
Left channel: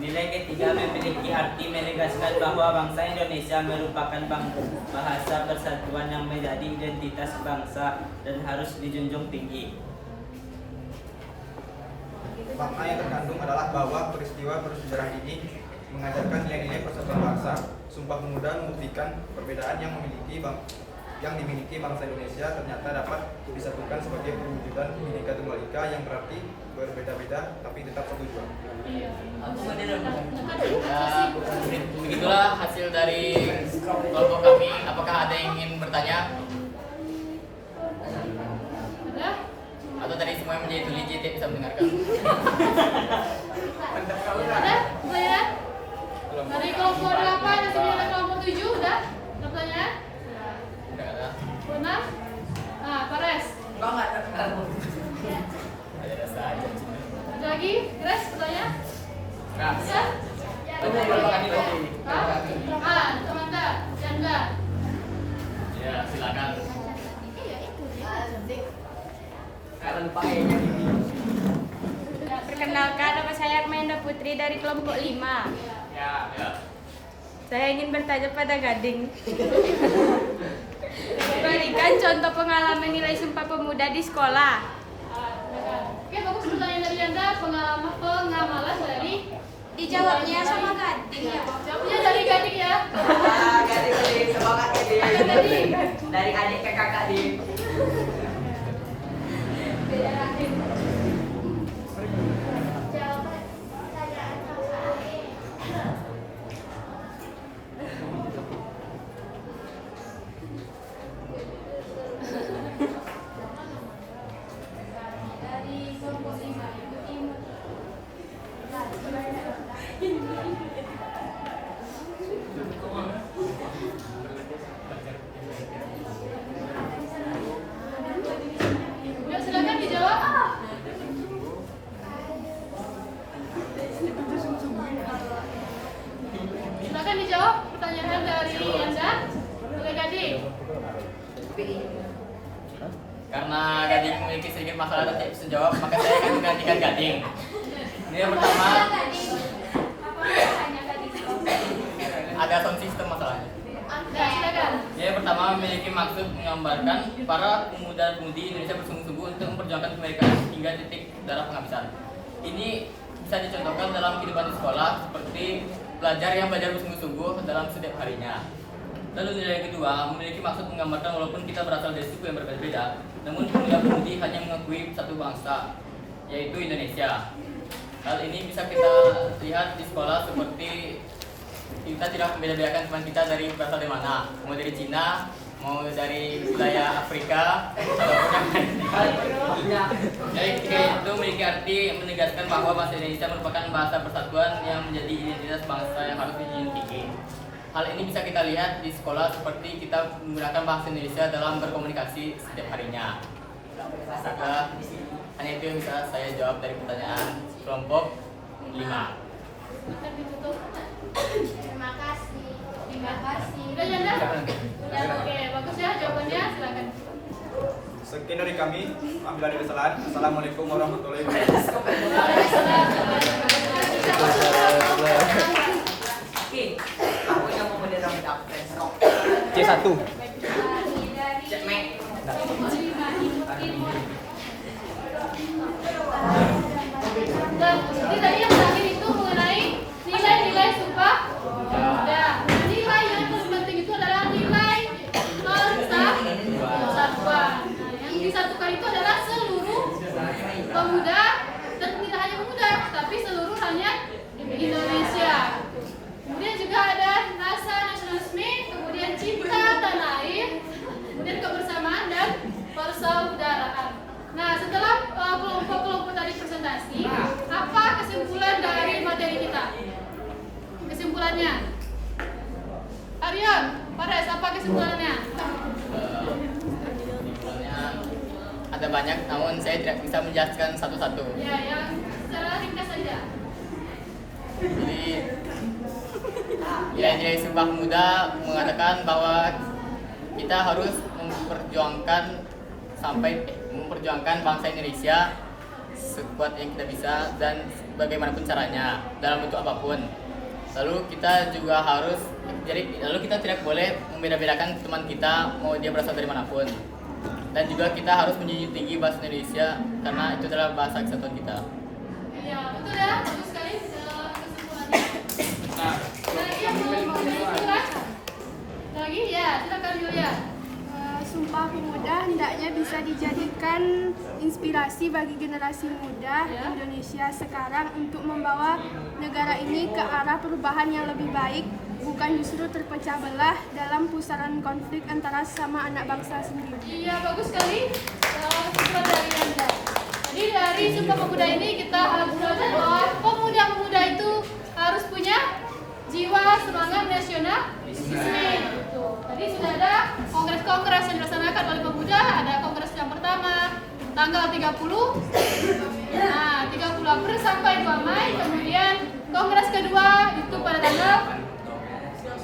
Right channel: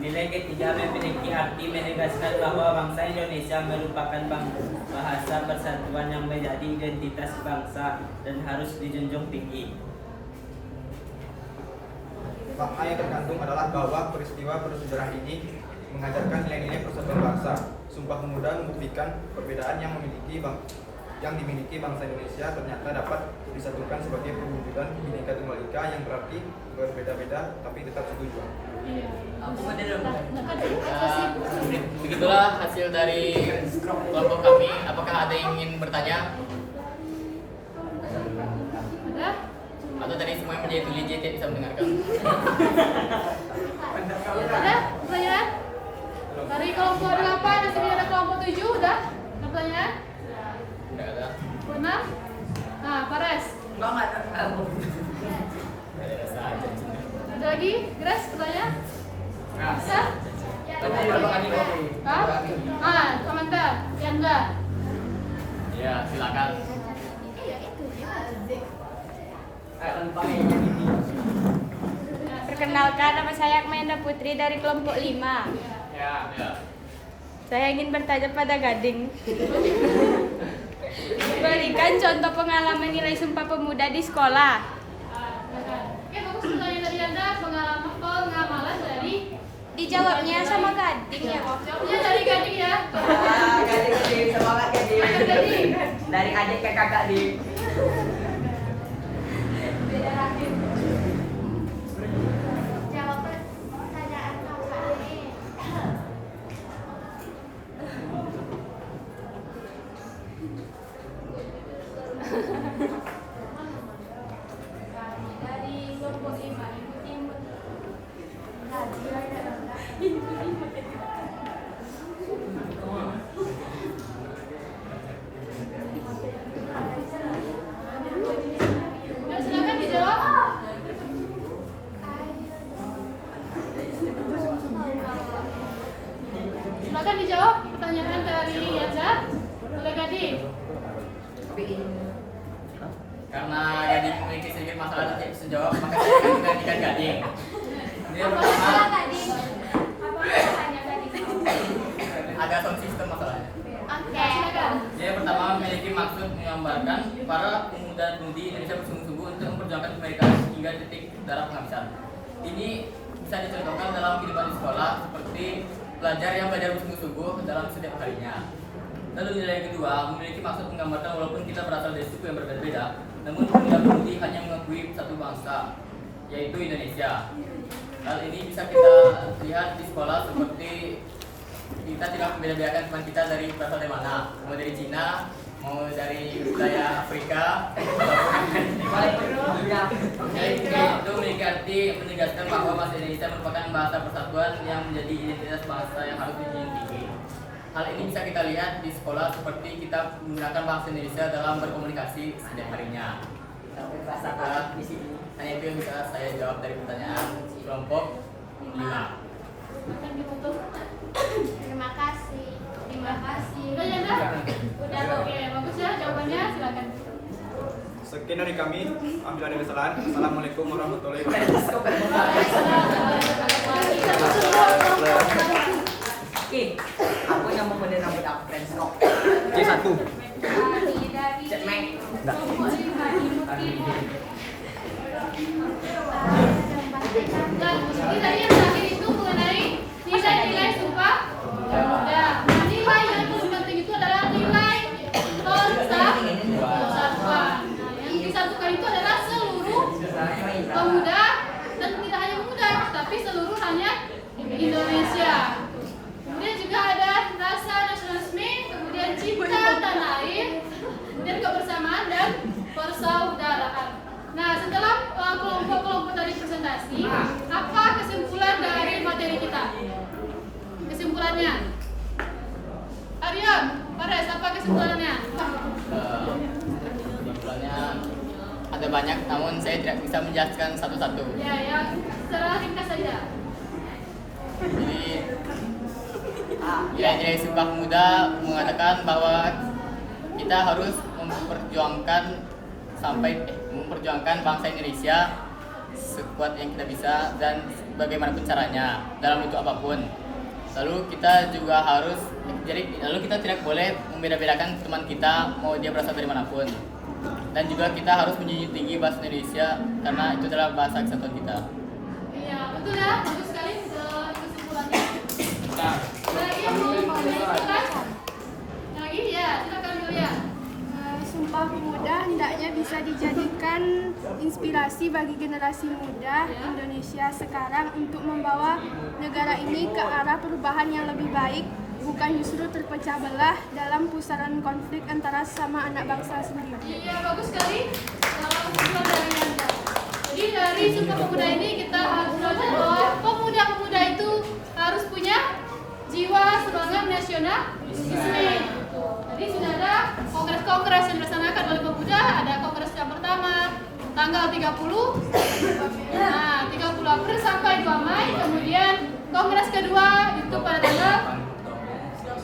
Nilai ketiga memiliki arti menegaskan bahwa bangsa Indonesia merupakan bahasa persatuan yang menjadi identitas bangsa dan harus dijunjung tinggi. Makna yang terkandung adalah bahwa peristiwa bersejarah ini mengajarkan nilai-nilai persatuan bangsa. Sumpah Pemuda membuktikan perbedaan yang dimiliki bangsa Indonesia ternyata dapat disatukan sebagai perwujudan Bhinneka Tunggal Ika yang berarti berbeda-beda tapi tetap satu tujuan. Begitulah hasil dari kelompok kami. Apakah ada yang ingin bertanya? Atau tadi semua yang menjadi tuli tidak bisa mendengarkan? Ada pertanyaan? Dari kelompok 8, di sini ada kelompok 7, udah? Ada pertanyaan? Tidak ada. Bona? Nah, Pares. Ada saja. Ada lagi? Grace, pertanyaan? Bisa? Komentar. Janda. Ya, silakan. Perkenalkan, nama saya Akmenda Putri dari kelompok 5. Ya. Saya ingin bertanya pada Gading. Berikan contoh pengalaman nilai Sumpah Pemuda di sekolah. Oke, bagus pertanyaan dari Janda. Pengamalan dari Dijawabnya sama Gading ya. jawabnya dari Gading ya. Gading, semangat Gading. Gading. Dari adik ke kakak nih. Ya, silakan dijawab. Silakan dijawab pertanyaan dari Janda. Oleh Gading. Karena Gading memiliki sedikit masalah dan tidak bisa jawab, maka saya akan menggantikan Gading. Ini yang pertama, ada sound system masalahnya. Ya, silakan. Yang pertama memiliki maksud menggambarkan para pemuda-pemudi Indonesia bersungguh-sungguh untuk memperjuangkan kemerdekaan hingga titik darah penghabisan. Ini bisa dicontohkan dalam kehidupan di sekolah seperti pelajar yang belajar bersungguh-sungguh dalam setiap harinya. Lalu nilai kedua memiliki maksud menggambarkan walaupun kita berasal dari suku yang berbeda-beda, namun pemuda-pemudi hanya mengakui satu bangsa, yaitu Indonesia. Hal ini bisa kita lihat di sekolah seperti kita tidak membeda-bedakan teman kita dari berasal dari mana, mau dari Cina, mau dari wilayah Afrika, jadi itu memiliki arti menegaskan bahwa bahasa Indonesia merupakan bahasa persatuan yang menjadi identitas bangsa yang harus dijunjung tinggi. Hal ini bisa kita lihat di sekolah seperti kita menggunakan bahasa Indonesia dalam berkomunikasi setiap harinya. Maka hanya itu yang bisa saya jawab dari pertanyaan kelompok 5. Akan ditutup. Terima kasih. Terima kasih. Udah, Janda? Oke, bagus ya jawabannya, silakan. Sekian dari kami, apabila ada kesalahan. Assalamualaikum warahmatullahi wabarakatuh. Oke, aku yang mau menerangkan absen. C1. Cek Mek. Nah, jadi tadi yang terakhir itu mengenai nilai-nilai Sumpah Pemuda. Nah, nilai yang terpenting itu adalah nilai persatuan. Nah, yang disatukan itu adalah seluruh pemuda dan tidak hanya pemuda, tapi seluruh rakyat Indonesia. Kemudian juga ada rasa nasionalisme, kemudian cinta tanah air, kemudian kebersamaan dan persaudaraan. Nah, setelah kelompok-kelompok tadi presentasi, apa kesimpulan dari materi kita? Kesimpulannya, Aryan, Pares, apa kesimpulannya? Ada banyak, namun saya tidak bisa menjelaskan satu-satu. Ya, yang secara ringkas saja. Jadi nilai-nilai Sumpah Pemuda mengatakan bahwa kita harus memperjuangkan bangsa Indonesia sekuat yang kita bisa dan bagaimanapun caranya dalam bentuk apapun. Lalu kita juga harus kita tidak boleh membeda-bedakan teman kita mau dia berasal dari manapun. Dan juga kita harus menjunjung tinggi bahasa Indonesia karena itu adalah bahasa kesatuan kita. Iya, betul ya, bagus sekali kesimpulannya. Lagi yang belum mau silakan. Lagi ya, silakan Yulia. Sumpah Pemuda hendaknya bisa dijadikan inspirasi bagi generasi muda Indonesia sekarang untuk membawa negara ini ke arah perubahan yang lebih baik, bukan justru terpecah belah dalam pusaran konflik antara sesama anak bangsa sendiri. Iya, bagus sekali. Kesimpulan dari Anda. Jadi dari Sumpah Pemuda ini kita harus belajar bahwa pemuda-pemuda itu harus punya jiwa semangat nasionalisme. Tadi sudah ada kongres-kongres yang dilaksanakan oleh pemuda, ada kongres yang pertama tanggal 30, nah 30 April sampai 2 Mei, kemudian kongres kedua itu pada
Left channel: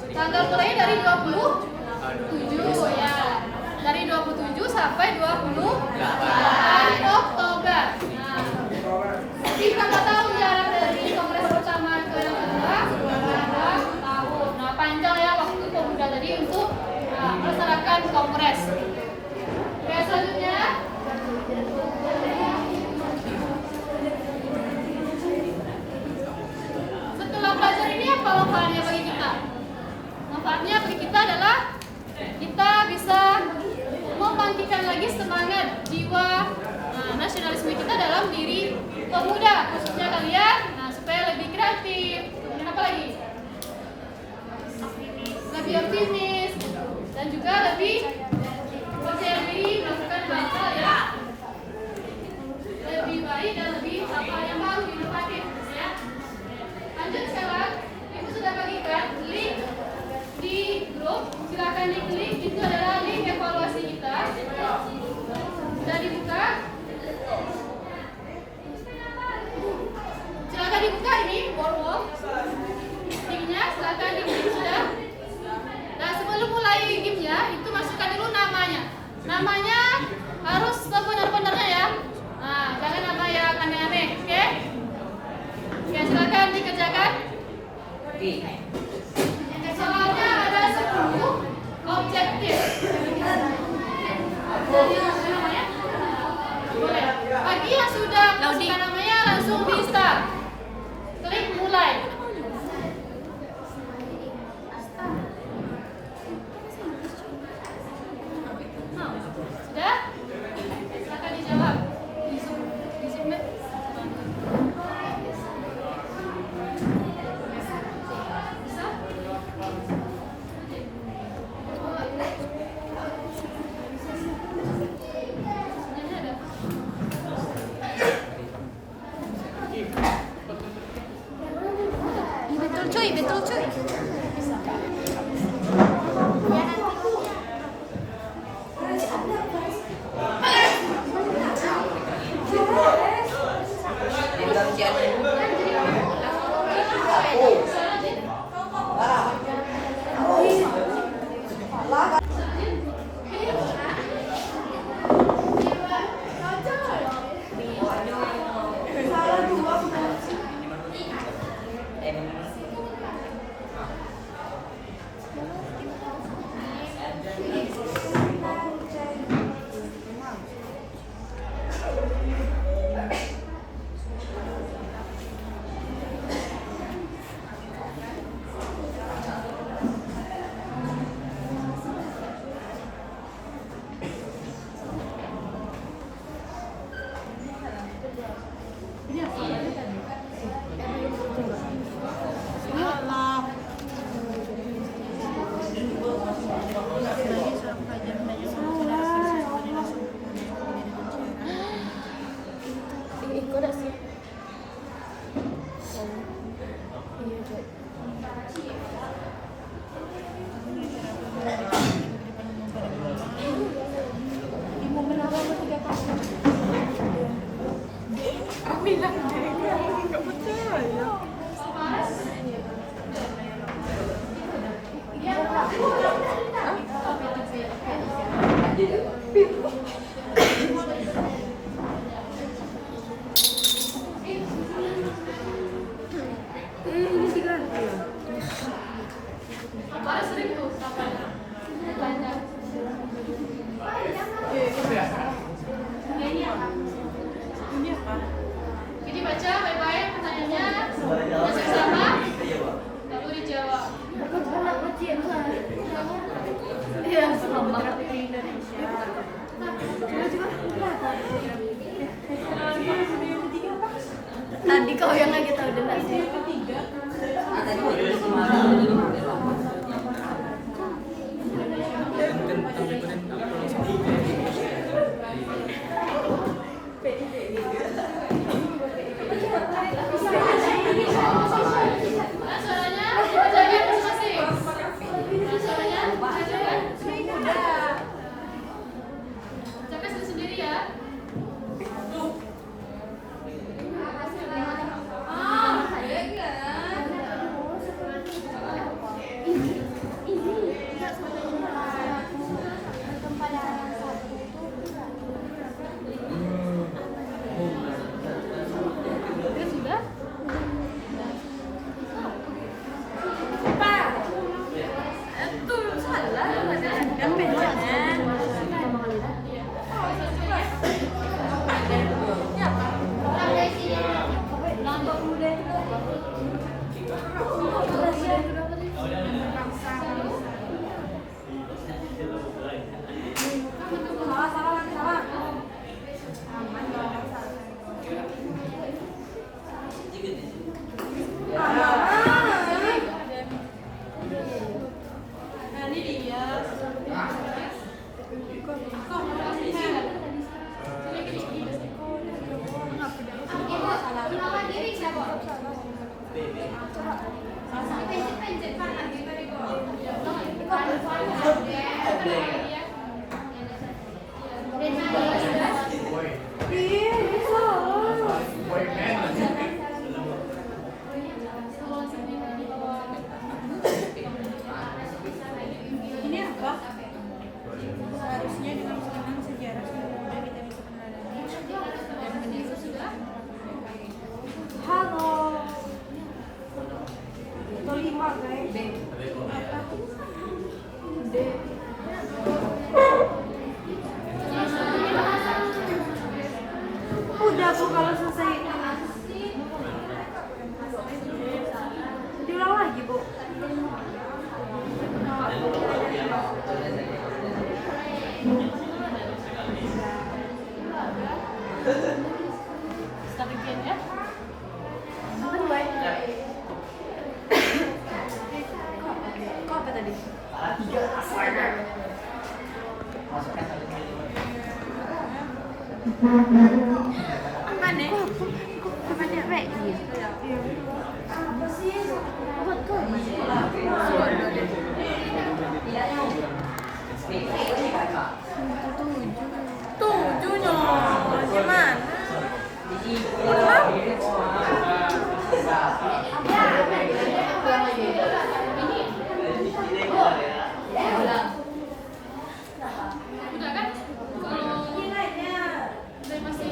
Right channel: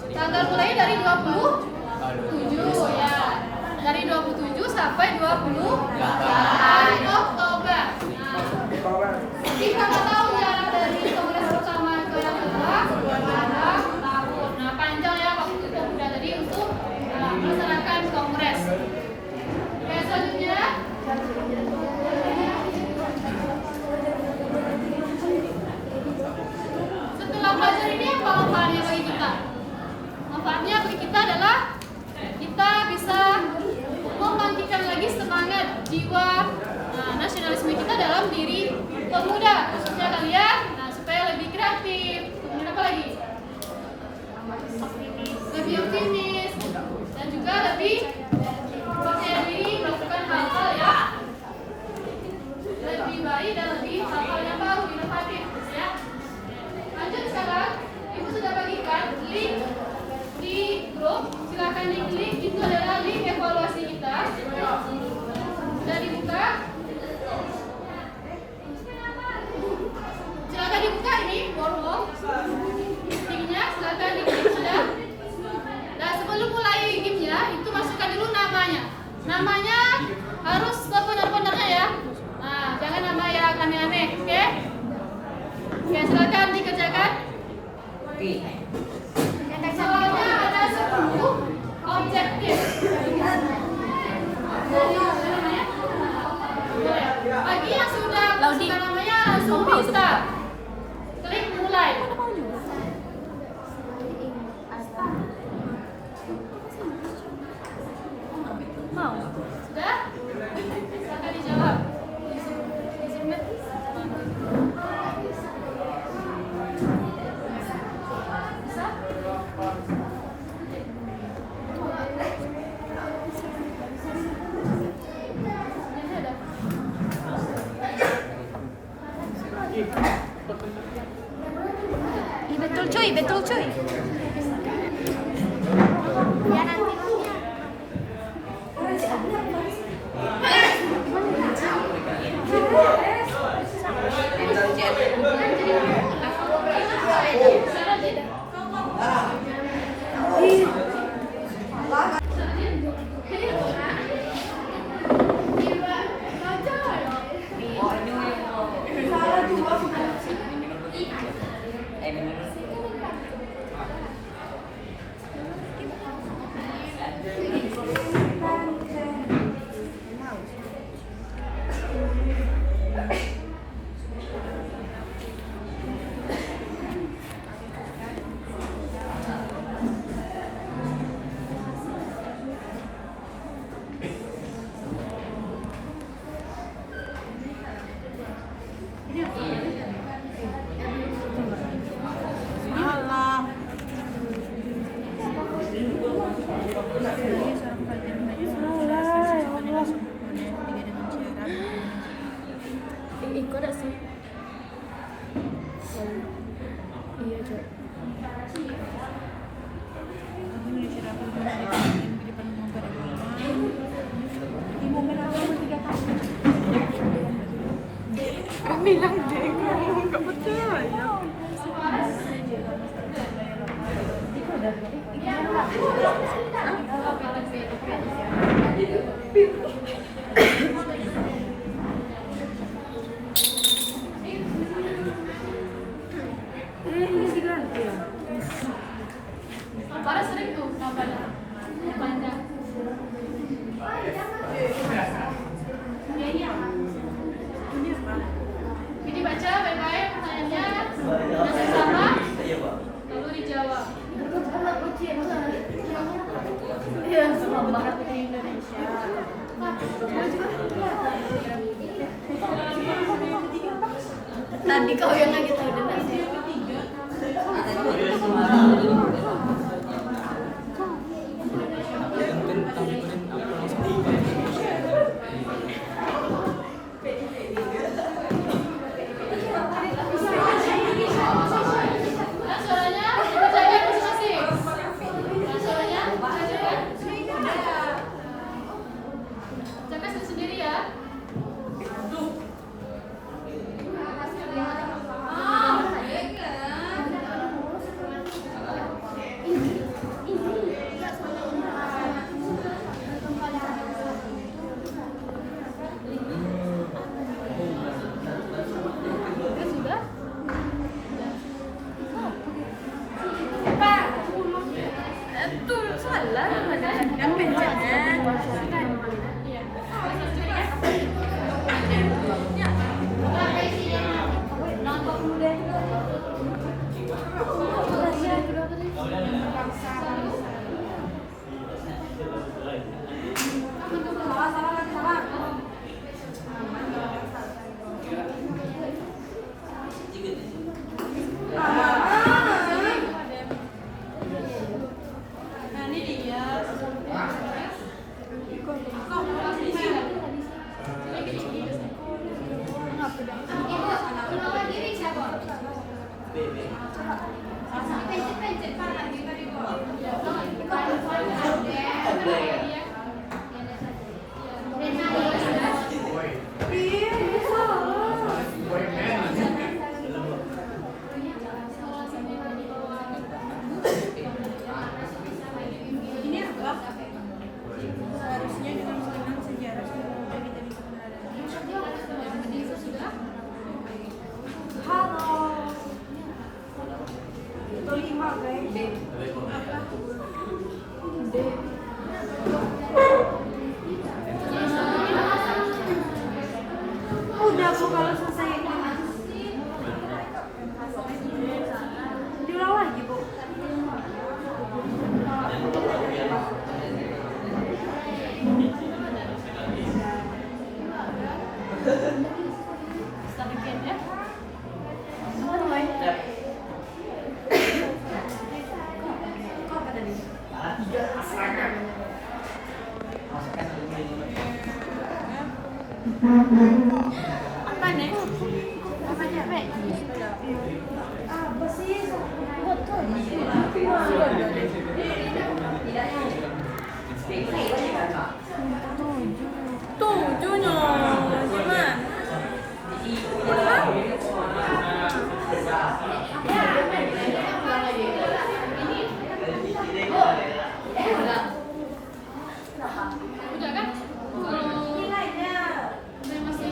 tanggal mulai dari 27 ya, dari 27 sampai 28 Oktober. Nah, kita mau tahu ya dari kongres pertama ke yang kedua ada tahun. Nah, panjang ya waktu pemuda tadi untuk melaksanakan kongres. Oke, selanjutnya setelah belajar ini apa manfaatnya bagi kita? Manfaatnya bagi kita adalah kita bisa membangkitkan lagi semangat jiwa nasionalisme kita dalam diri pemuda, khususnya kalian, supaya lebih kreatif. Kemudian apa lagi? Lebih optimis dan juga lebih percaya diri melakukan hal-hal yang lebih baik dan lebih hal yang baru, inovatif, ya. Lanjut sekarang, ibu sudah bagikan link di grup. Silakan diklik, itu adalah link evaluasi kita. Sudah dibuka. Silakan dibuka ini form linknya, silakan diklik sudah. Nah, sebelum mulai gamenya itu masukkan dulu namanya. Namanya harus benar-benarnya ya. Nah, jangan nama yang aneh-aneh, oke? Oke, silakan dikerjakan. Soalnya ada 10 objektif. Bagi yang sudah masukkan namanya langsung bisa klik mulai. Sudah? Silakan dijawab. Di submit. Bisa? Betul cuy. Kalau sering tuh kapan panjang. Jadi baca baik-baik pertanyaannya, masih sama, lalu dijawab. Iya, sama Indonesia. Tadi kau yang lagi tahu dan nasi. Udah Bu, kalau selesai diulang lagi Bu. Apa nih? Apa nih, Rek? Apa sih? Buat kan? Tujuhnya gimana? Udah kan? Dari masih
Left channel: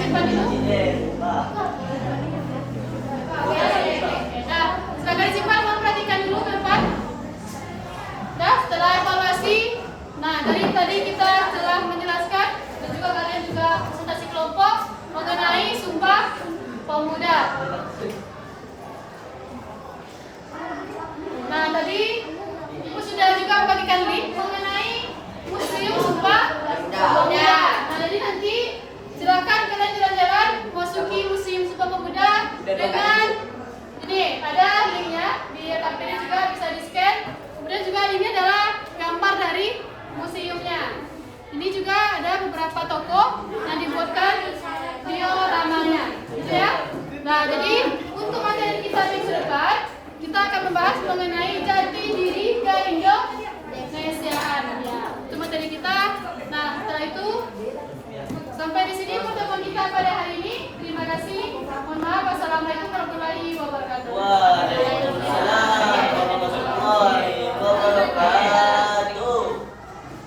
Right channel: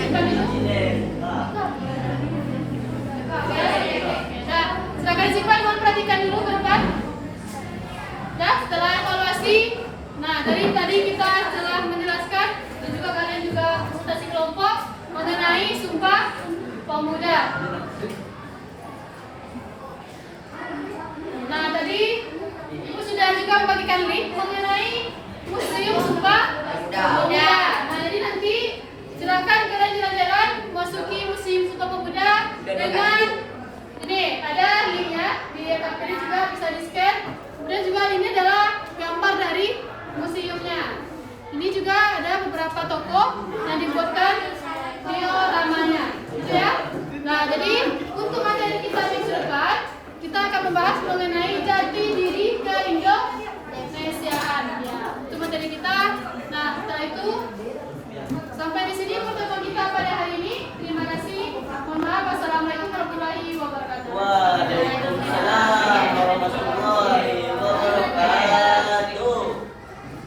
simpan dulu. Nah, silakan disimpan, mohon perhatikan dulu ke depan. Nah, setelah evaluasi, nah dari tadi kita telah menjelaskan dan juga kalian juga konsultasi kelompok mengenai Sumpah Pemuda. Nah, tadi Ibu sudah juga membagikan link mengenai Museum Sumpah Pemuda. Nah, jadi nanti silakan kalian jalan-jalan masuki Museum Sumpah Pemuda dengan ini ada linknya di kartu ini juga bisa di-scan. Kemudian juga ini adalah gambar dari museumnya. Ini juga ada beberapa toko yang dibuatkan dioramanya, gitu ya. Nah, jadi untuk materi kita minggu depan kita akan membahas mengenai jati diri keindonesiaan. Ya, itu materi kita. Nah, setelah itu sampai di sini pertemuan kita pada hari ini. Terima kasih. Mohon maaf. Wassalamualaikum warahmatullahi wabarakatuh. Waalaikumsalam warahmatullahi